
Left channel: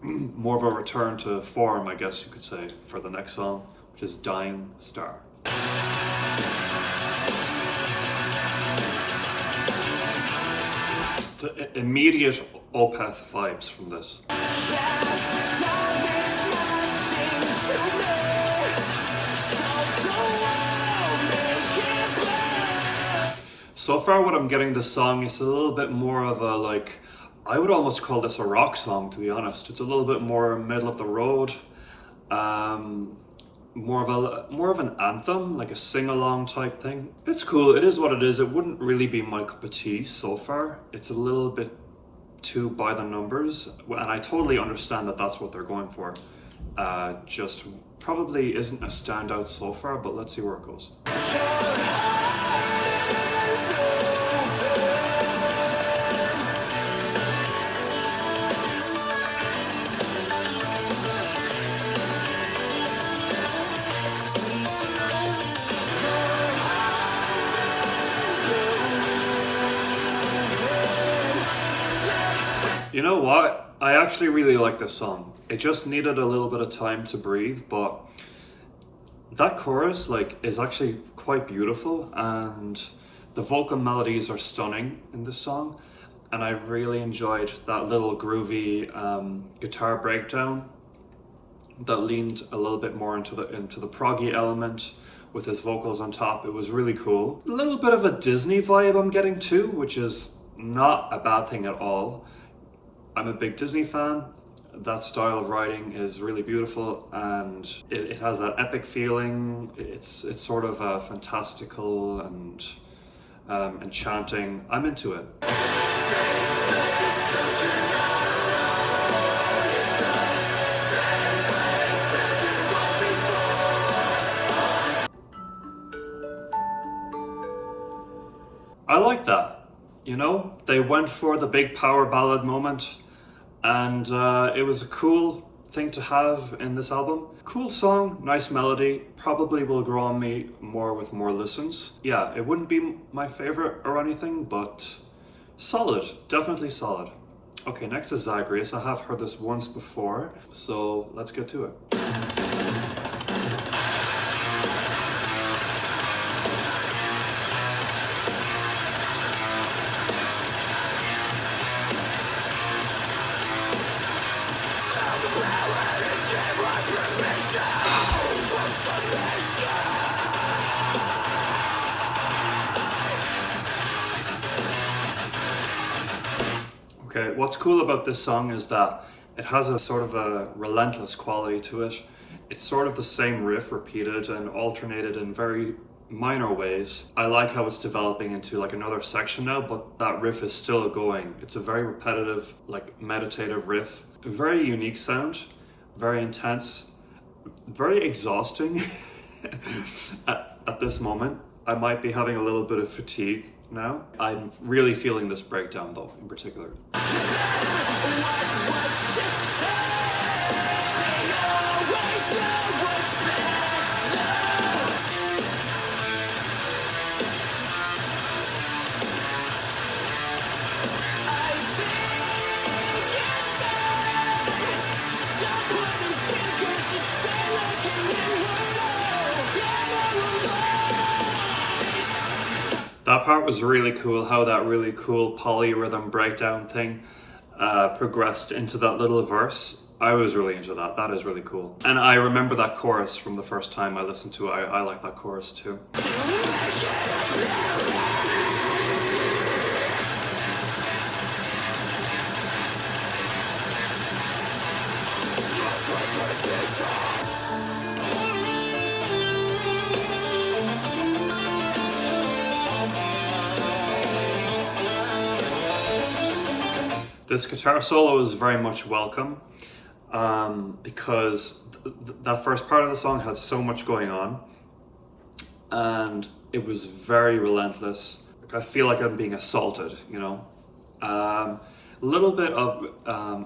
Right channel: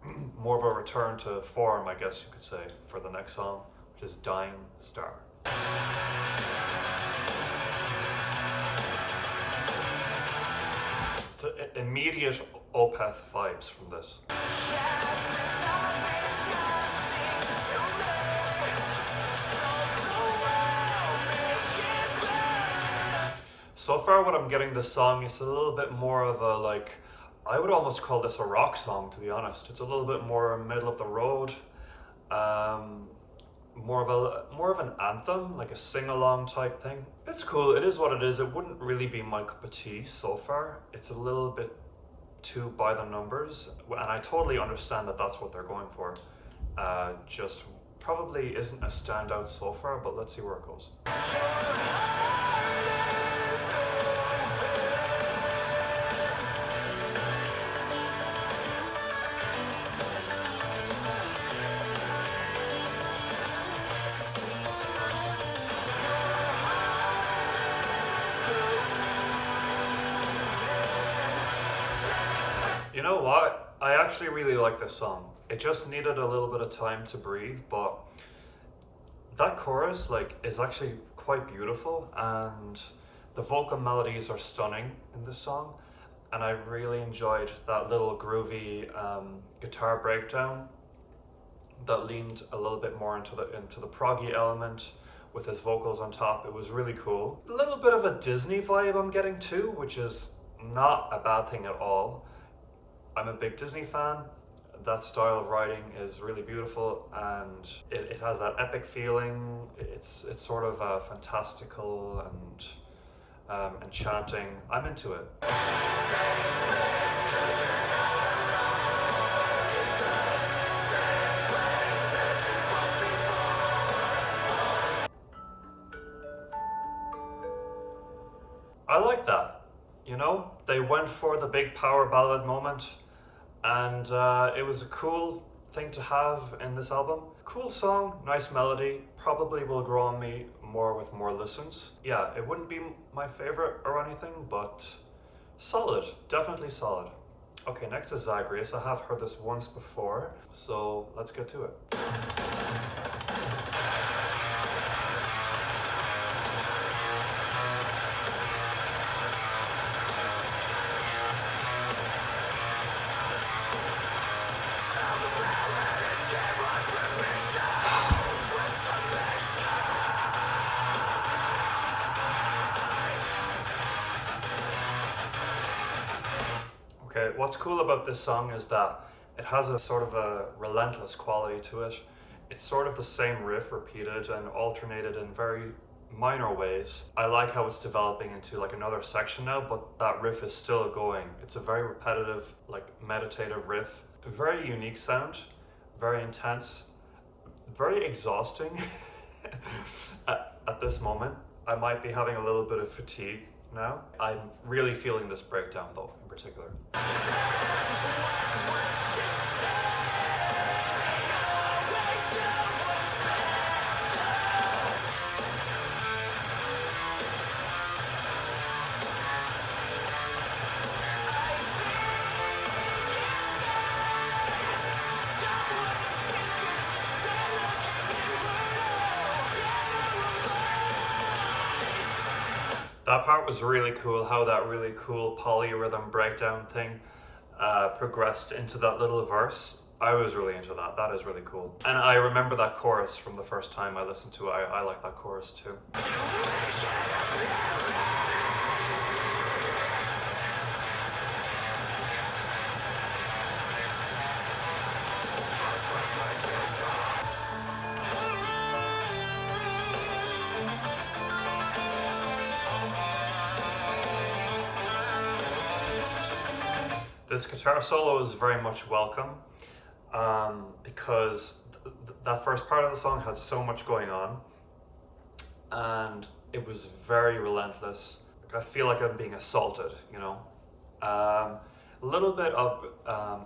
more of a return to form, I guess you could say, for the next song, which is Dying Star. The immediate Opeth vibes from this. So far what I'm getting this song is a little bit more of a, like, I would almost call this a rock song, to be honest. It's a little bit more middle of the road, more of an anthem, like a sing-along type thing. It's cool, it is what it is. It wouldn't really be my cup of tea so far. It's a little bit too by the numbers, and I totally understand that that's what they're going for. Just probably isn't a standout so far, but let's see where it goes. You know what? I actually really like this song. It just needed a little bit of time to breathe, but that chorus, like, is actually quite beautiful, and the vocal melodies are stunning in this song, and I really enjoyed that little groovy guitar breakdown that leaned a little bit more into the proggy element with his vocals on top. It was really cool. A little bit of a Disney vibe I'm getting too, which is not a bad thing at all. I'm a big Disney fan. That style of writing is really beautiful, and it has that epic feeling. It's sort of fantastical and enchanting. I'm into it. I like that. You know, they went for the big power ballad moment, and it was a cool thing to have in this album. Cool song, nice melody, probably will grow on me more with more listens. Yeah, it wouldn't be my favorite or anything, but solid, definitely solid. Okay, next is Zagreus. I have heard this once before, so let's get to it. Okay, what's cool about this song is that it has a sort of a relentless quality to it. It's sort of the same riff repeated and alternated in very minor ways. I like how it's developing into like another section now, but that riff is still going. It's a very repetitive, like meditative riff. Very unique sound, very intense, very exhausting at this moment. I might be having a little bit of fatigue now. I'm really feeling this breakdown though, in particular. part was really cool, how that really cool polyrhythm breakdown thing progressed into that little verse. I was really into that. That is really cool. And I remember that chorus from the first time I listened to it. I like that chorus too. This guitar solo is very much welcome because that first part of the song had so much going on and it was very relentless. I feel like I'm being assaulted, you know. A little bit of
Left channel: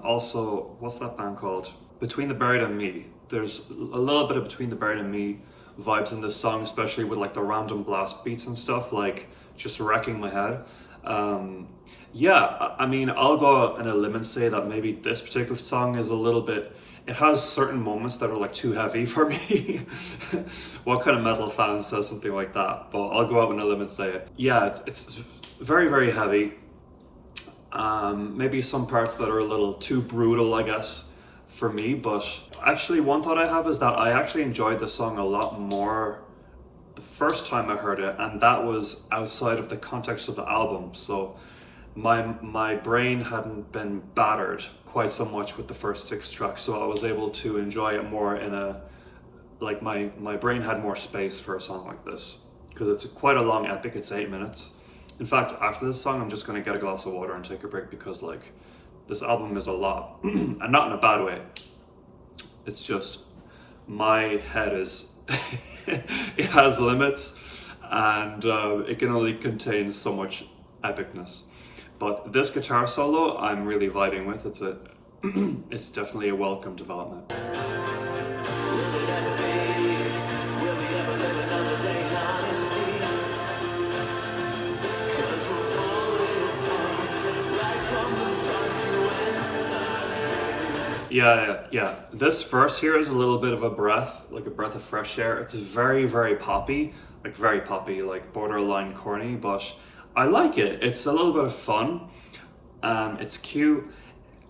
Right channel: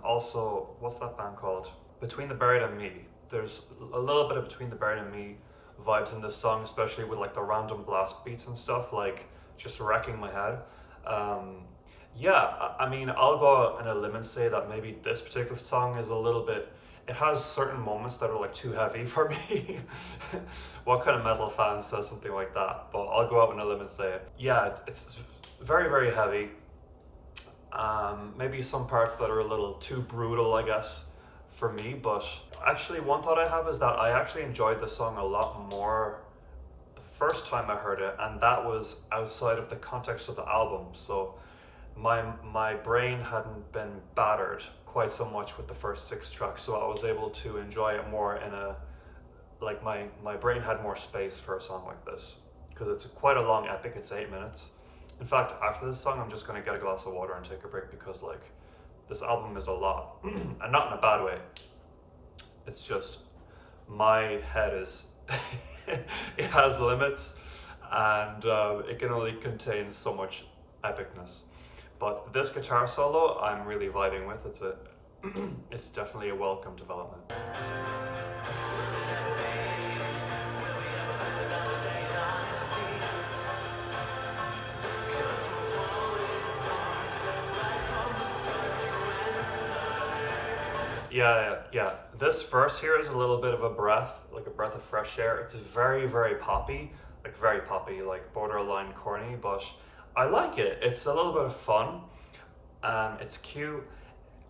also, what's that band called? Between the Buried and Me. There's a little bit of Between the Buried and Me vibes in this song, especially with like the random blast beats and stuff, like just wrecking my head. Yeah, I mean, I'll go out on a limb and say that maybe this particular song is a little bit, it has certain moments that are like too heavy for me. What kind of metal fan says something like that? But I'll go out on a limb and say it. Yeah, it's very, very heavy. Maybe some parts that are a little too brutal, I guess, for me. But actually, one thought I have is that I actually enjoyed this song a lot more the first time I heard it, and that was outside of the context of the album. So my brain hadn't been battered quite so much with the first 6 tracks, so I was able to enjoy it more in a, like my brain had more space for a song like this, because it's quite a long epic. It's 8 minutes. In fact, after this song I'm just going to get a glass of water and take a break, because like this album is a lot and not in a bad way. It's just my head is it has limits, and it can only contain so much epicness. But this guitar solo, I'm really vibing with. It's definitely a welcome development. Yeah. This verse here is a little bit of a breath, like a breath of fresh air. It's very, very poppy, like borderline corny, but I like it. It's a little bit of fun. It's cute.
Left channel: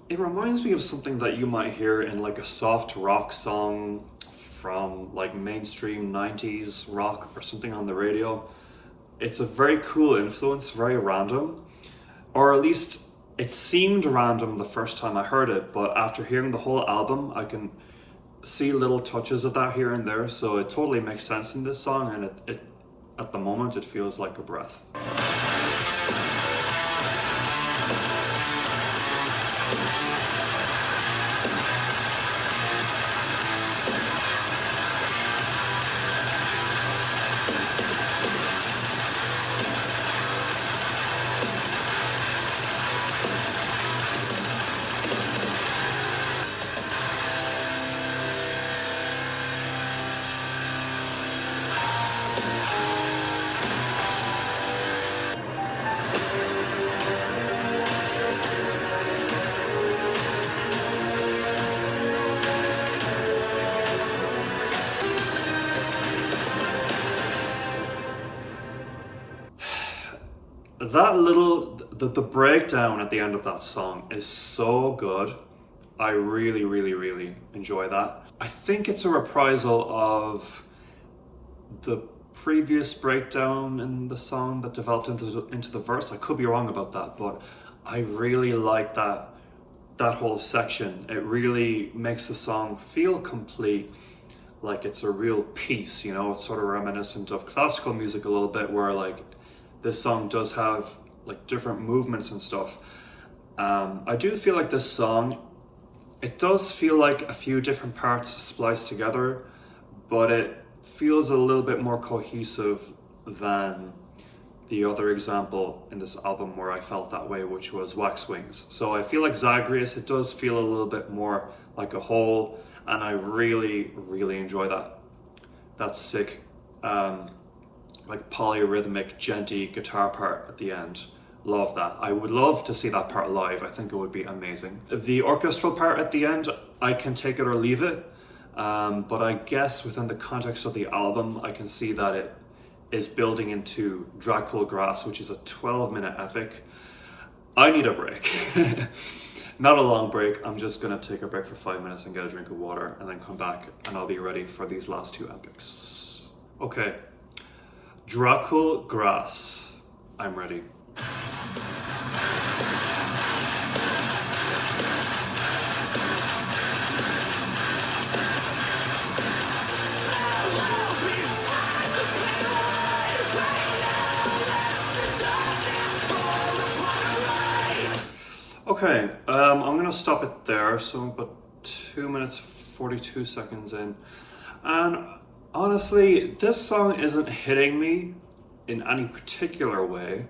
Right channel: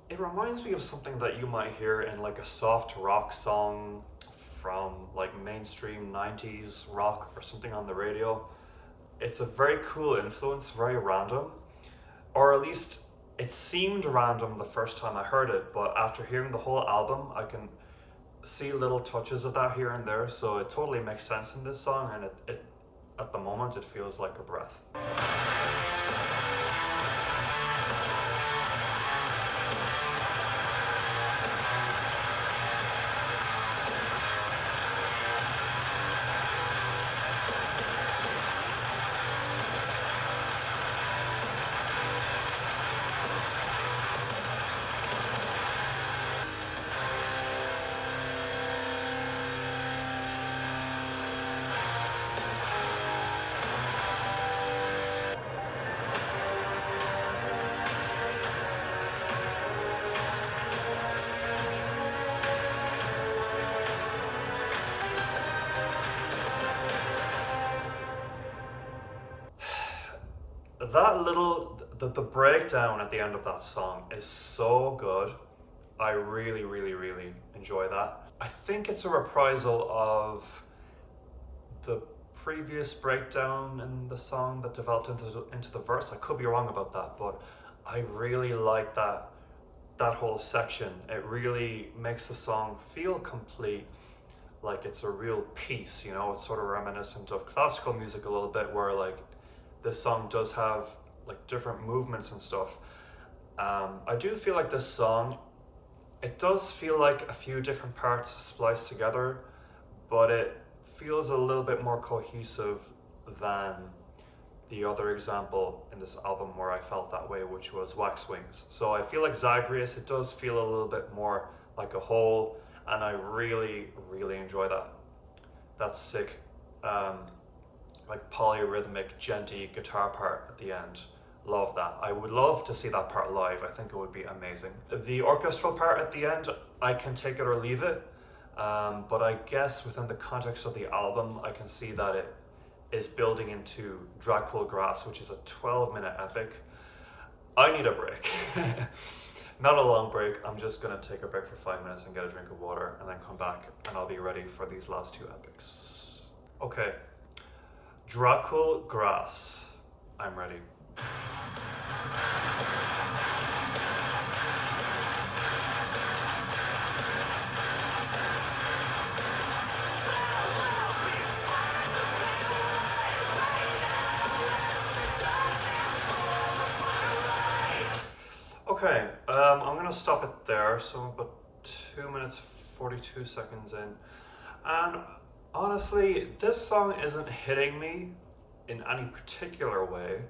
It reminds me of something that you might hear in like a soft rock song from like mainstream 90s rock or something on the radio. It's a very cool influence, very random, or at least it seemed random the first time I heard it, but after hearing the whole album, I can see little touches of that here and there, so it totally makes sense in this song, and it at the moment it feels like a breath. That little, the breakdown at the end of that song is so good. I really, really, really enjoy that. I think it's a reprisal of the previous breakdown in the song that developed into the verse. I could be wrong about that, but I really like that whole section. It really makes the song feel complete, like it's a real piece, you know. It's sort of reminiscent of classical music a little bit, where like this song does have like different movements and stuff. I do feel like this song, it does feel like a few different parts spliced together, but it feels a little bit more cohesive than the other example in this album where I felt that way, which was Wax Wings. So I feel like Zagreus, it does feel a little bit more like a whole, and I really, really enjoy that. That's sick. Like polyrhythmic, djenty guitar part at the end. Love that. I would love to see that part live. I think it would be amazing. The orchestral part at the end, I can take it or leave it. But I guess within the context of the album, I can see that is building into Dracul Gras, which is a 12-minute epic. I need a break. Not a long break. I'm just gonna take a break for 5 minutes and get a drink of water and then come back and I'll be ready for these last two epics. Okay, Dracul Gras. I'm ready. Okay, I'm gonna stop it there. So I'm about 2 minutes 42 seconds in, and honestly, this song isn't hitting me in any particular way.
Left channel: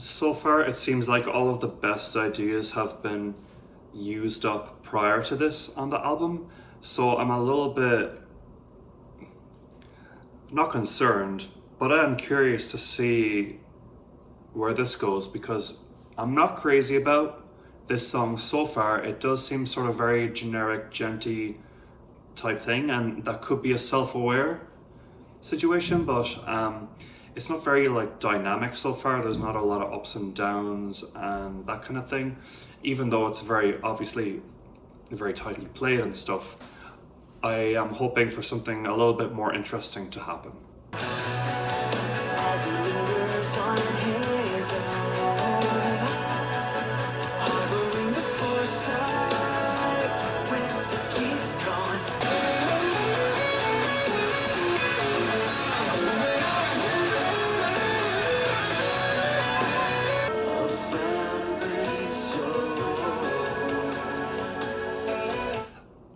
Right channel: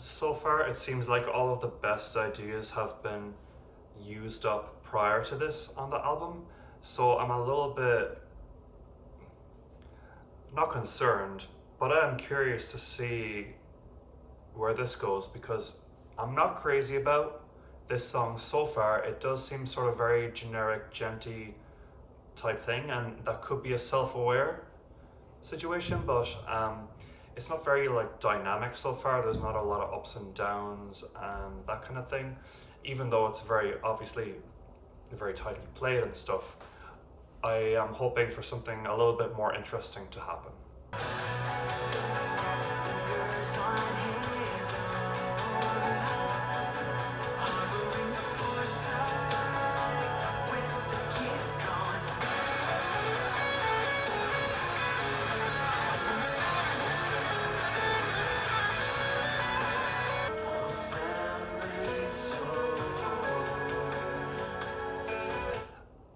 So far, it seems like all of the best ideas have been used up prior to this on the album. So I'm a little bit not concerned, but I am curious to see where this goes because I'm not crazy about this song so far. It does seem sort of very generic, Djent-y type thing, and that could be a self-aware situation, but it's not very like dynamic so far. There's not a lot of ups and downs and that kind of thing, even though it's very obviously very tightly played and stuff. I am hoping for something a little bit more interesting to happen.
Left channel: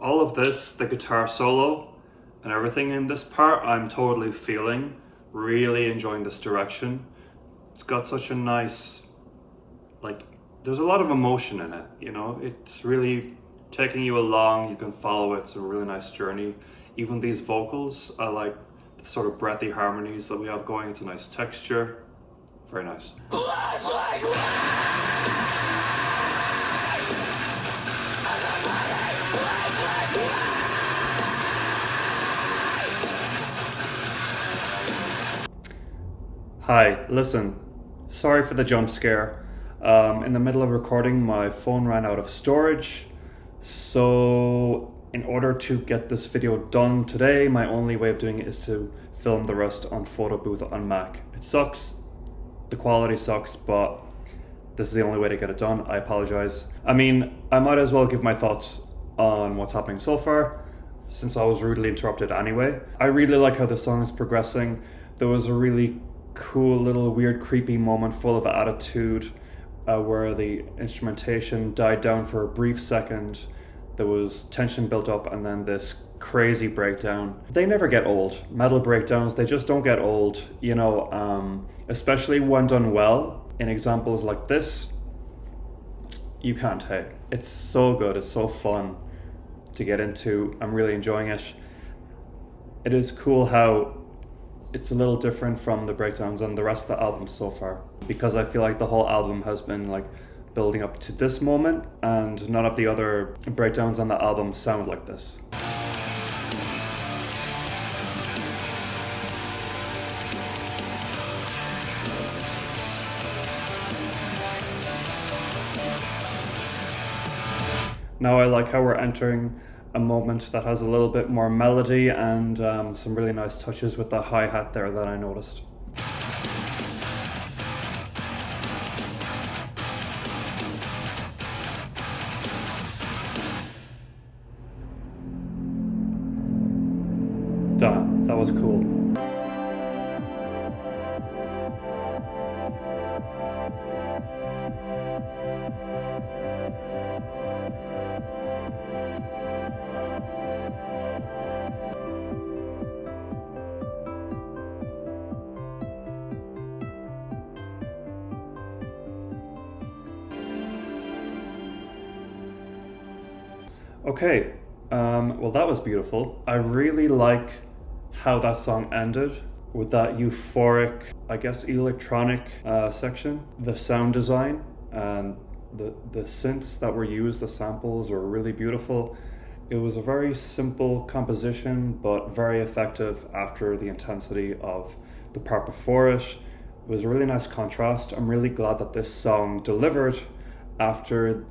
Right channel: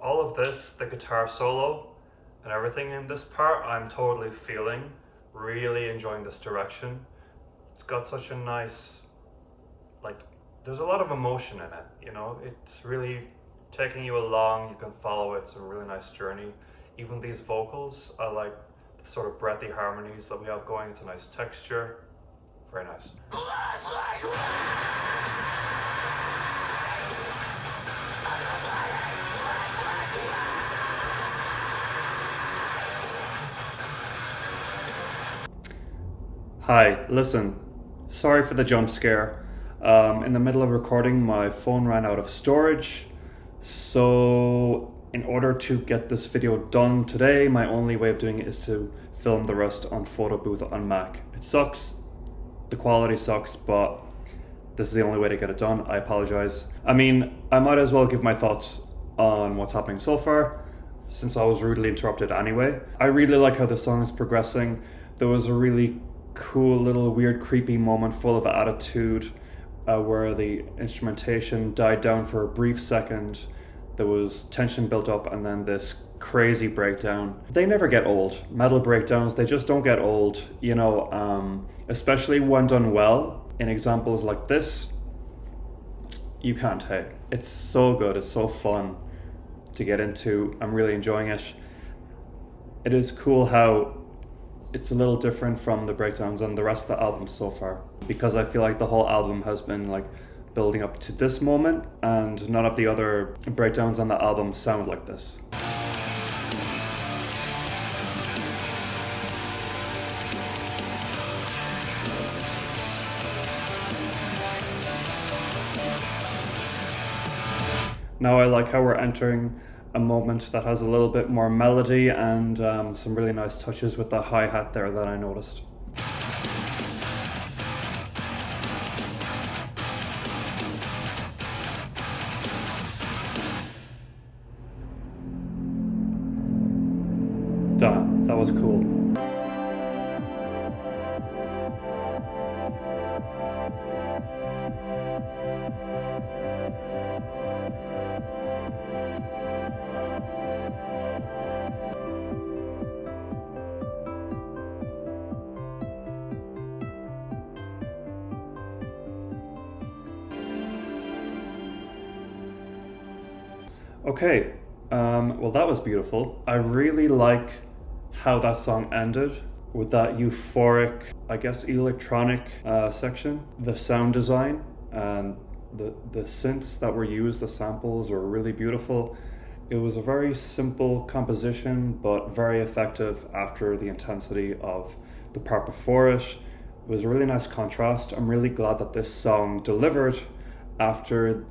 All of this, the guitar solo and everything in this part, I'm totally feeling, really enjoying this direction. It's got such a nice, like, there's a lot of emotion in it, you know, it's really taking you along, you can follow it, it's a really nice journey. Even these vocals, I like the sort of breathy harmonies that we have going, it's a nice texture, very nice. Hi, listen, sorry for the jump scare. In the middle of recording, my phone ran out of storage. So in order to get this video done today, my only way of doing it is to film the rest on photo booth on Mac. It sucks, the quality sucks, but this is the only way to get it done. I apologize. I mean, I might as well give my thoughts on what's happening so far, since I was rudely interrupted anyway. I really like how the song is progressing. There was a really cool little weird creepy moment full of attitude where the instrumentation died down for a brief second. There was tension built up and then this crazy breakdown. They never get old. Metal breakdowns, they just don't get old, you know, especially when done well. In examples like this, you can't hate. It's so good, it's so fun to get into. I'm really enjoying it. It is cool how it's a little different from the breakdowns on the rest of the album so far, because I feel like the whole album has been like building up to this moment and none of the other breakdowns on the album sound like this. Now I like how we're entering a moment that has a little bit more melody and some really nice touches with the hi-hat there that I noticed. Damn, that was cool. Okay, well that was beautiful. I really like how that song ended with that euphoric, I guess, electronic section. The sound design and the synths that were used, the samples were really beautiful. It was a very simple composition, but very effective after the intensity of the part before it. It was a really nice contrast. I'm really glad that this song delivered after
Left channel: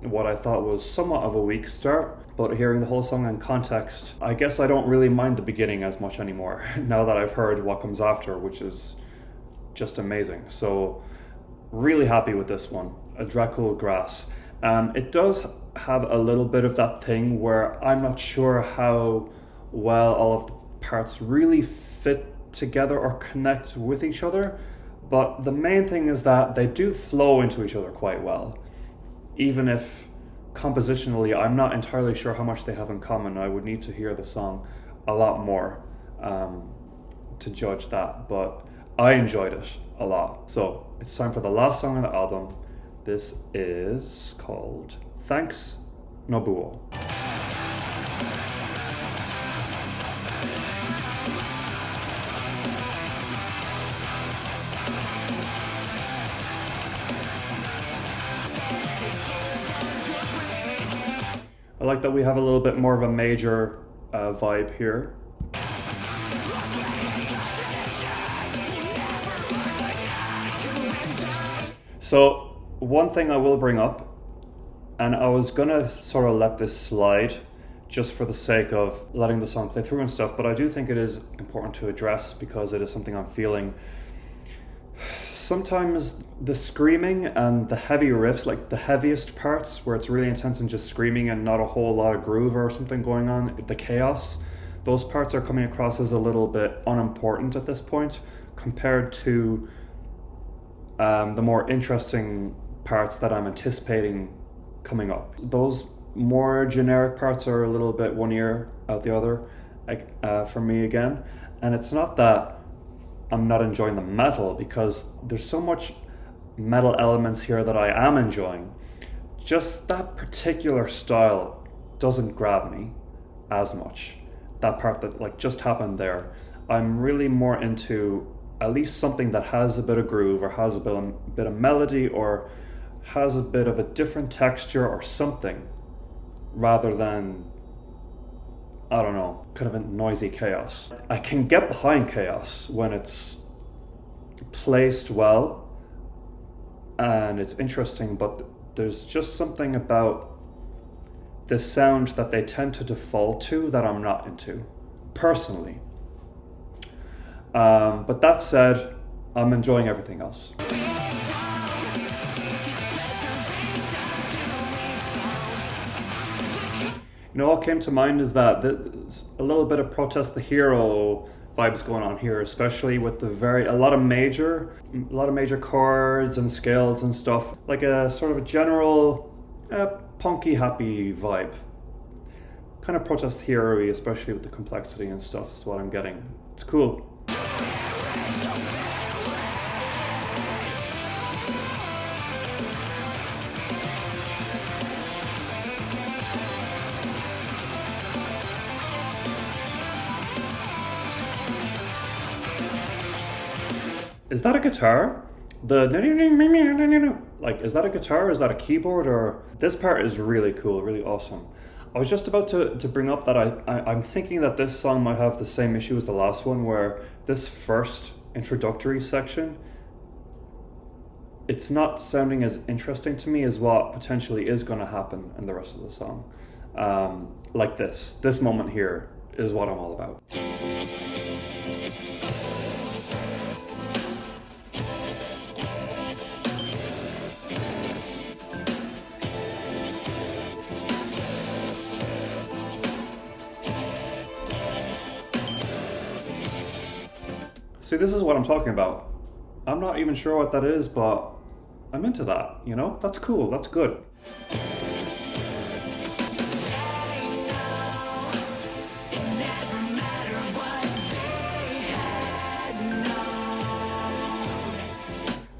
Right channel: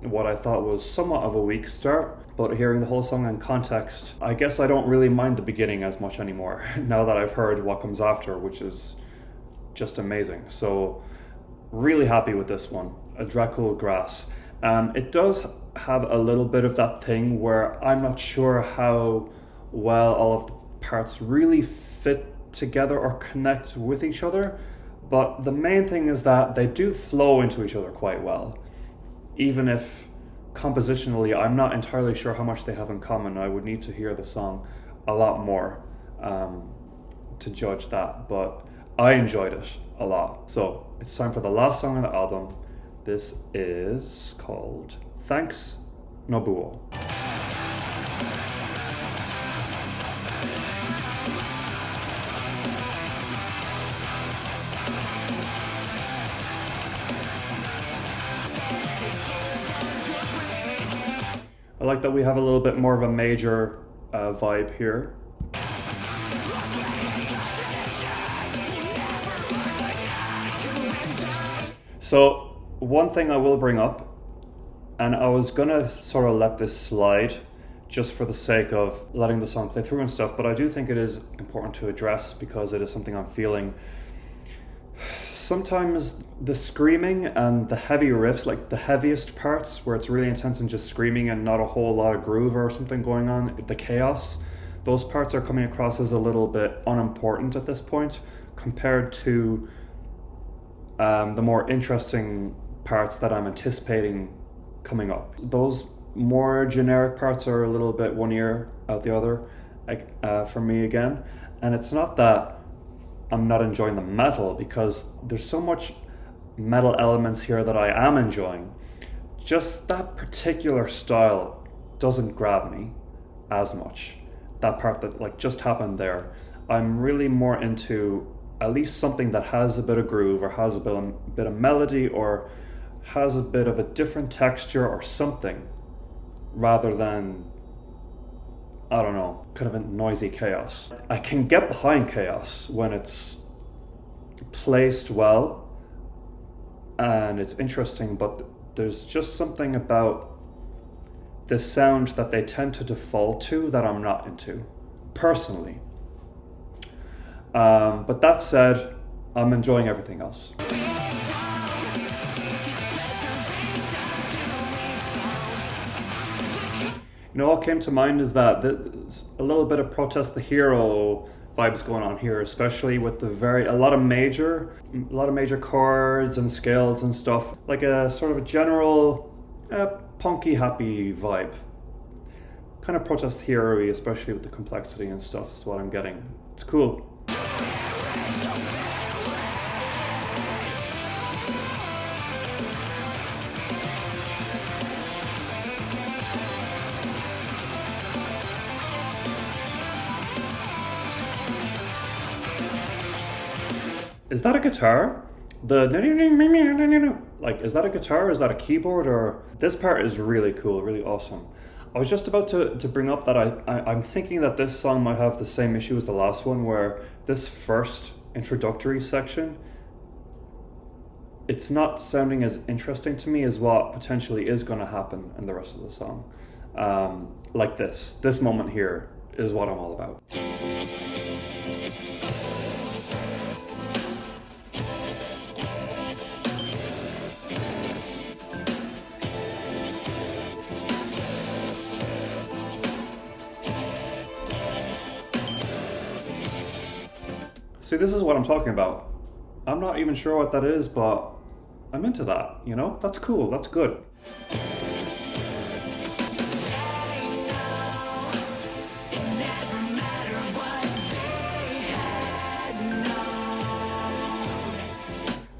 what I thought was somewhat of a weak start. But hearing the whole song in context, I guess I don't really mind the beginning as much anymore now that I've heard what comes after, which is just amazing. So really happy with this one, a Dracul Gras. It does have a little bit of that thing where I'm not sure how well all of the parts really fit together or connect with each other, but the main thing is that they do flow into each other quite well, even if compositionally I'm not entirely sure how much they have in common. I would need to hear the song a lot more to judge that, but I enjoyed it a lot. So it's time for the last song on the album. This is called Thanks, Nobuo. I like that we have a little bit more of a major vibe here. So one thing I will bring up, and I was gonna sort of let this slide just for the sake of letting the song play through and stuff, but I do think it is important to address because it is something I'm feeling. Sometimes the screaming and the heavy riffs, like the heaviest parts where it's really intense and just screaming and not a whole lot of groove or something going on, the chaos, those parts are coming across as a little bit unimportant at this point compared to the more interesting parts that I'm anticipating coming up. Those more generic parts are a little bit one ear out the other, for me again. And it's not that I'm not enjoying the metal, because there's so much metal elements here that I am enjoying. Just that particular style doesn't grab me as much. That part that like just happened there. I'm really more into at least something that has a bit of groove or has a bit of melody or has a bit of a different texture or something, rather than, I don't know, kind of a noisy chaos. I can get behind chaos when it's placed well and it's interesting, but there's just something about the sound that they tend to default to that I'm not into, personally. But that said, I'm enjoying everything else. You know, what came to mind is that there's a little bit of Protest the Hero vibes going on here, especially with a lot of major chords and scales and stuff, like a sort of a general punky happy vibe. Kind of Protest the Hero-y, especially with the complexity and stuff, is what I'm getting. It's cool. Is that a guitar? Like, is that a guitar? Is that a keyboard? Or this part is really cool, really awesome. I was just about to bring up that I'm thinking that this song might have the same issue as the last one, where this first introductory section, it's not sounding as interesting to me as what potentially is going to happen in the rest of the song. Like this moment here is what I'm all about. See, this is what I'm talking about. I'm not even sure what that is, but I'm into that, you know? That's cool, that's good.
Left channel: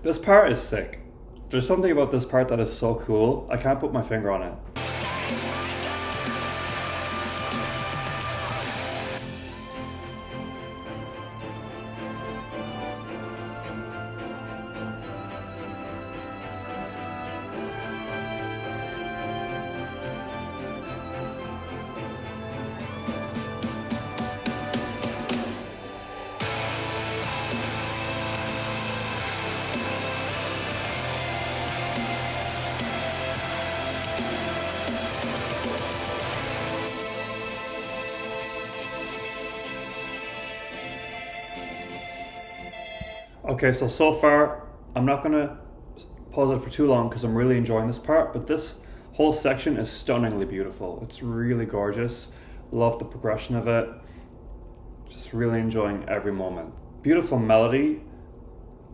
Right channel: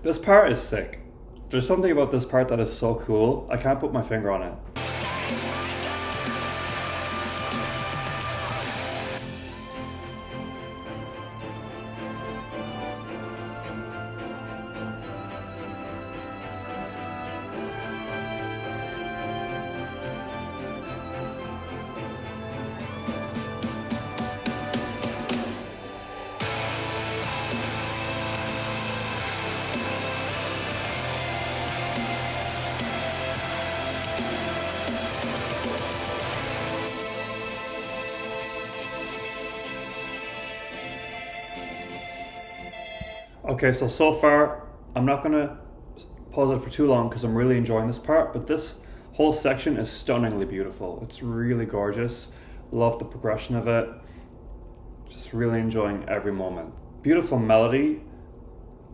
This part is sick. There's something about this part that is so cool. I can't put my finger on it. Okay, so far, I'm not gonna pause it for too long because I'm really enjoying this part, but this whole section is stunningly beautiful. It's really gorgeous. Love the progression of it. Just really enjoying every moment. Beautiful melody,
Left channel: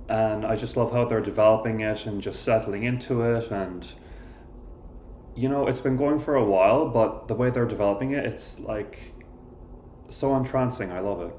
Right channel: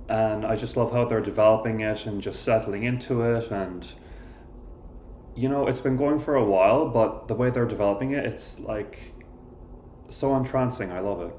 and I just love how they're developing it and just settling into it. And you know, it's been going for a while, but the way they're developing it, it's like so entrancing. I love it.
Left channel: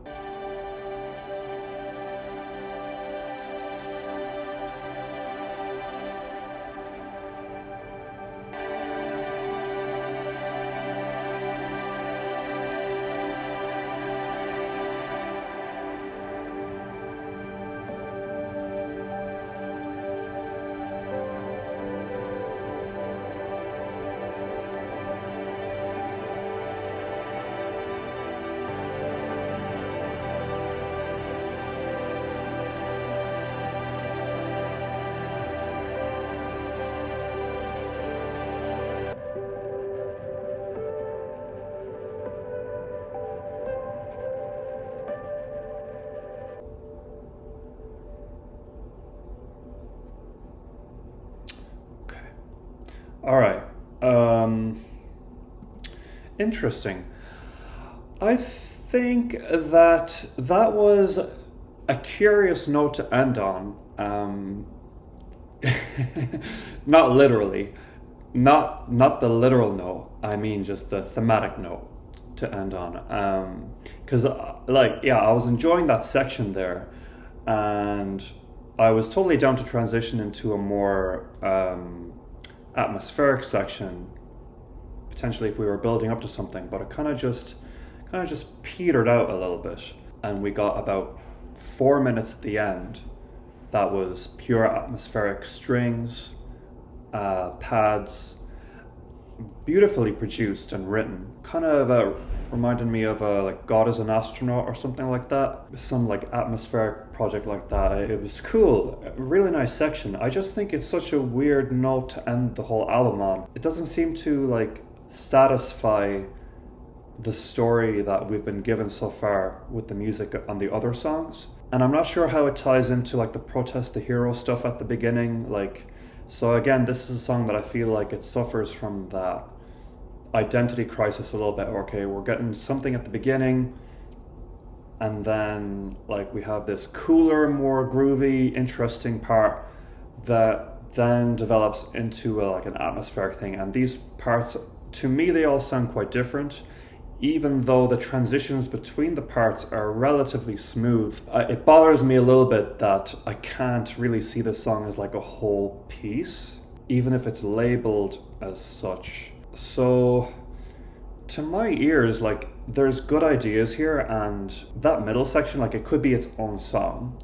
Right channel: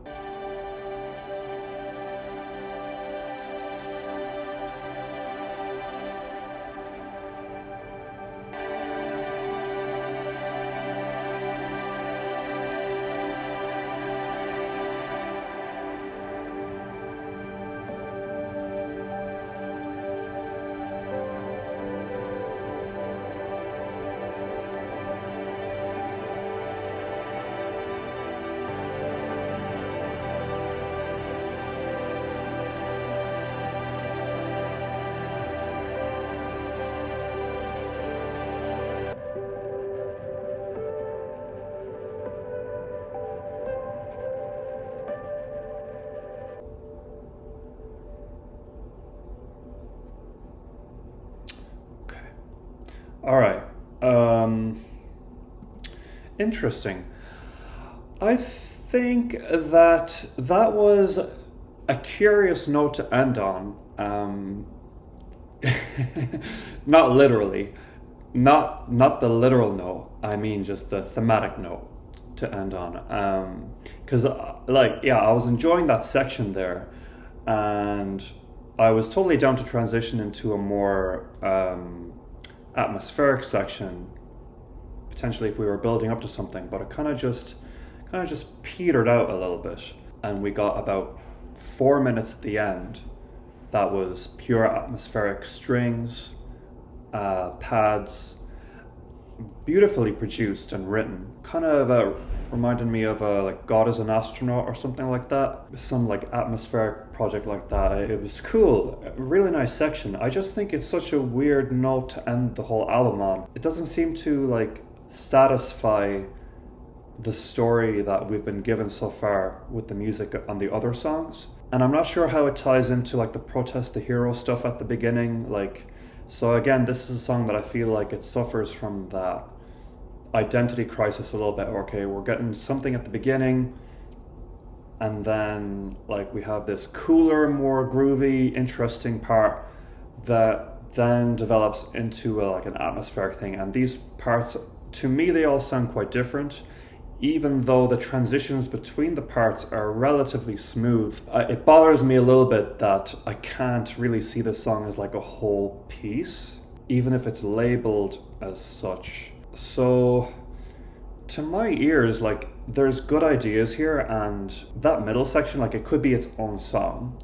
All right. Interesting. I think that was a curious note to end on. Not literally, not the literal note. I mean, just the thematic note to end on. Because I was enjoying that section there, and I was totally down to transition into a more atmospheric section, potentially if we were building up to something, but it kind of just petered out a little bit, and we got about 4 minutes at the end that was pure atmospheric strings, pads, beautifully produced and written, kind of reminded me of like God is an Astronaut or something like that, some like atmospheric project like that. It was cool, a really nice section. I just think it's such a weird note to end the whole album on. It doesn't seem to like satisfy the story that we've been given so far with the music on the other songs, and I'm not sure how it ties into like the protest the hero stuff at the beginning. So again, this is a song that I feel like it suffers from that identity crisis a little bit. Okay, we're getting something at the beginning, and then like we have this cooler, more groovy, interesting part that then develops into like an atmospheric thing. And these parts, to me, they all sound quite different, even though the transitions between the parts are relatively smooth. It bothers me a little bit that I can't really see this song as like a whole piece, even if it's labeled as such. So to my ears, like, there's good ideas here, and that middle section, like, it could be its own song,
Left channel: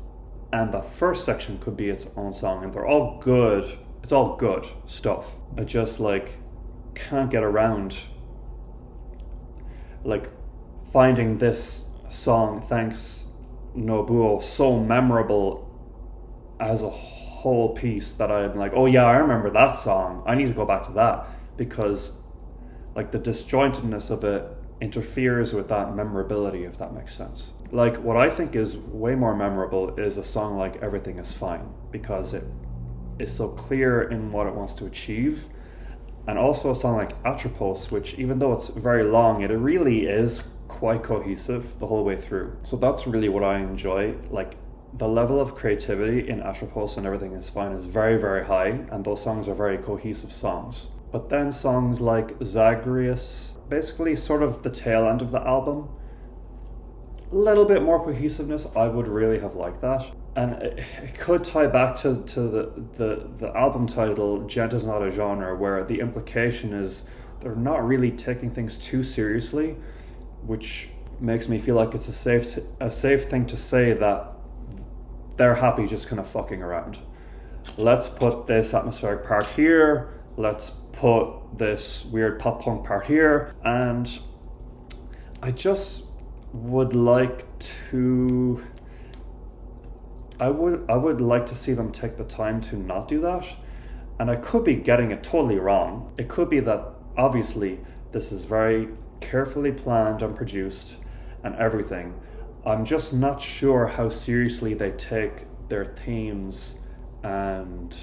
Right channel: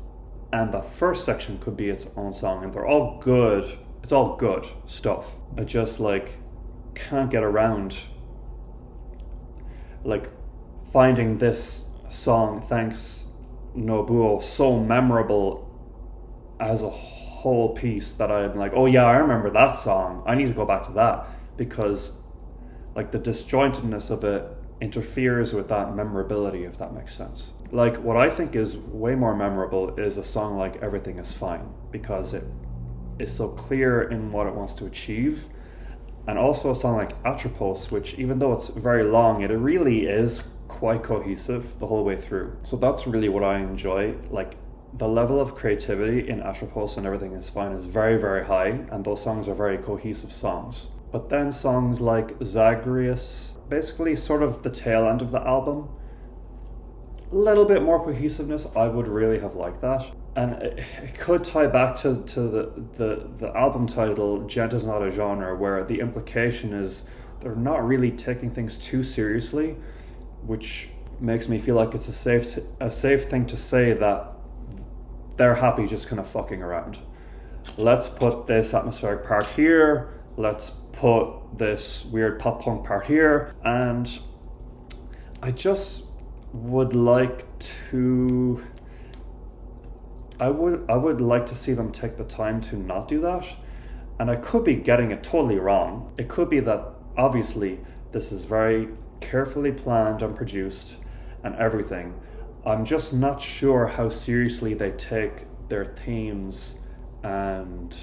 and the first section could be its own song, and they're all good. It's all good stuff. I just like can't get around like finding this song, Thanks Nobuo, so memorable as a whole piece that I'm like, oh yeah, I remember that song. I need to go back to that, because like the disjointedness of it interferes with that memorability, if that makes sense. Like, what I think is way more memorable is a song like Everything Is Fine, because it is so clear in what it wants to achieve. And also a song like Atropos, which, even though it's very long, it really is quite cohesive the whole way through. So that's really what I enjoy. Like, the level of creativity in Atropos and Everything Is Fine is very, very high, and those songs are very cohesive songs. But then songs like Zagreus, basically sort of the tail end of the album, a little bit more cohesiveness. I would really have liked that. And it could tie back to the album title, Djent is not a genre, where the implication is they're not really taking things too seriously, which makes me feel like it's a safe thing to say that they're happy just kind of fucking around. Let's put this atmospheric part here, let's put this weird pop punk part here, and I just would like to... I would like to see them take the time to not do that. And I could be getting it totally wrong. It could be that, obviously, this is very carefully planned and produced and everything. I'm just not sure how seriously they take their themes and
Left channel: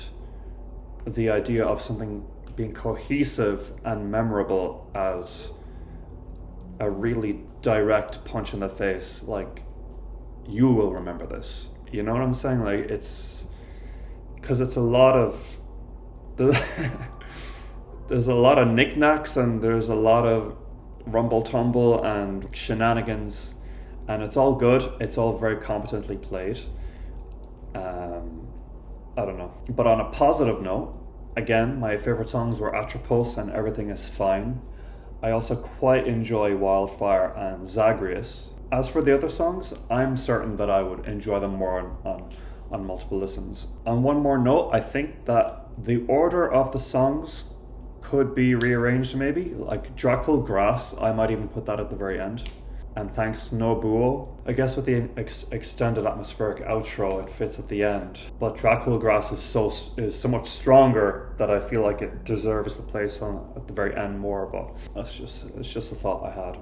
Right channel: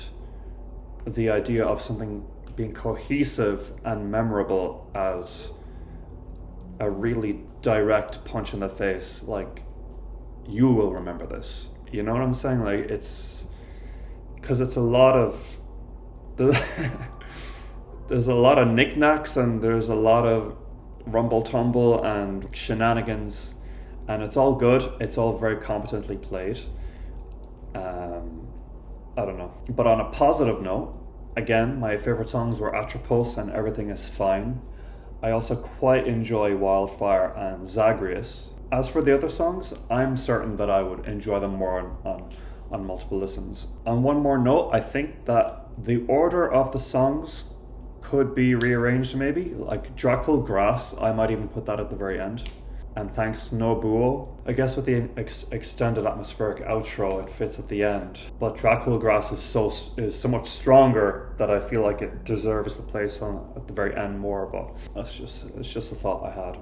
the idea of something being cohesive and memorable as a really direct punch in the face, like, you will remember this. You know what I'm saying? Like, it's because it's a lot of there's a lot of knickknacks and there's a lot of rumble tumble and shenanigans, and it's all good. It's all very competently played. I don't know. But on a positive note, again, my favorite songs were Atropos and Everything Is Fine. I also quite enjoy Wildfire and Zagreus. As for the other songs, I'm certain that I would enjoy them more on multiple listens. On one more note, I think that the order of the songs could be rearranged maybe. Like Dracul Gras, I might even put that at the very end. And thanks Nobuo. I guess with the extended atmospheric outro, it fits at the end. But Dracul Gras is so much stronger that I feel like it deserves the place at the very end more. But it's just a thought I had.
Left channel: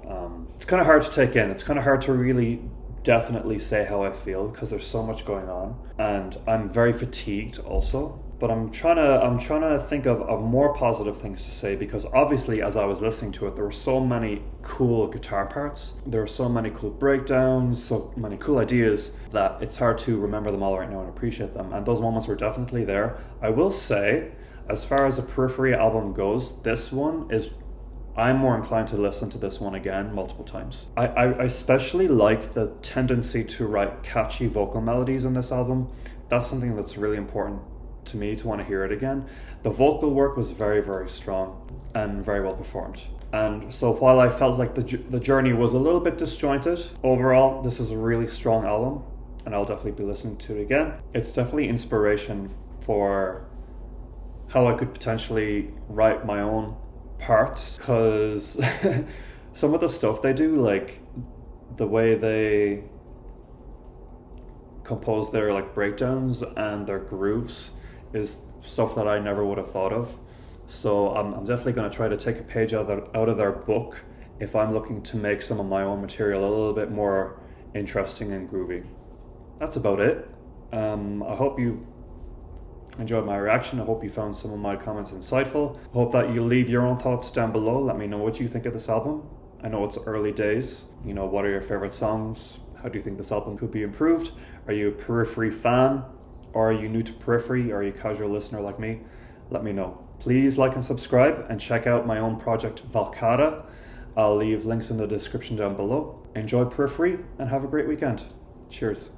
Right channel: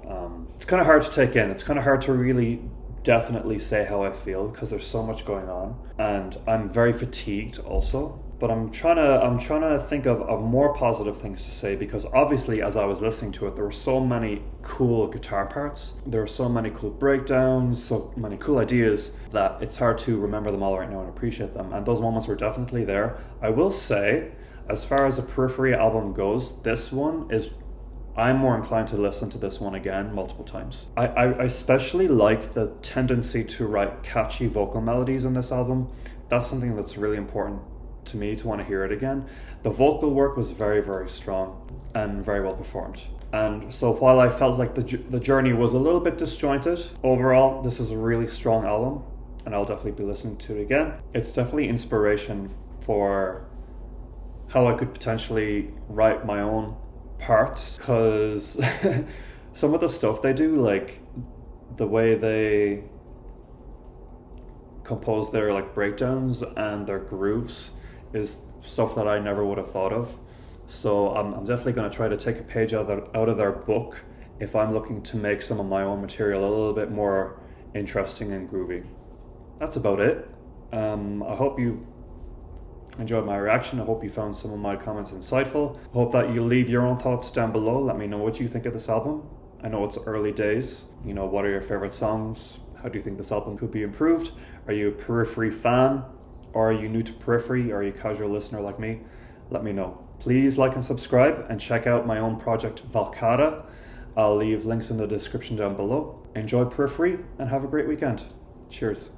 It's kind of hard to take in. It's kind of hard to really definitely say how I feel because there's so much going on, and I'm very fatigued also. But I'm trying to think of more positive things to say, because obviously as I was listening to it, there were so many cool guitar parts, there were so many cool breakdowns, so many cool ideas that it's hard to remember them all right now and appreciate them. And those moments were definitely there. I will say, as far as the Periphery album goes, I'm more inclined to listen to this one again multiple times. I especially like the tendency to write catchy vocal melodies in this album. That's something that's really important to me to want to hear it again. The vocal work was very, very strong and very well performed. And so while I felt like the journey was a little bit disjointed, overall this is a really strong album and I'll definitely be listening to it again. It's definitely inspiration for how I could potentially write my own parts, because some of the stuff they do, like the way they compose their like breakdowns and their grooves, is stuff that I never would have thought of. So I'm definitely going to try to take a page out of their book if I'm looking to make some of my own material a little bit more interesting and groovy. That's about it. I hope you enjoyed my reaction. I hope you found some of my comments insightful. I hope that you leave your own thoughts down below. Let me know what you think of this album. I know it's early days. You know, what are your favorite songs? How do you think this album could be improved? Are you a Periphery fan? Or are you new to Periphery? Or are you a casual listener like me? Let me know. Please like and subscribe and check out my own project Valcata. I'll leave links in the description down below. Enjoy Periphery and have a great weekend. Cheers.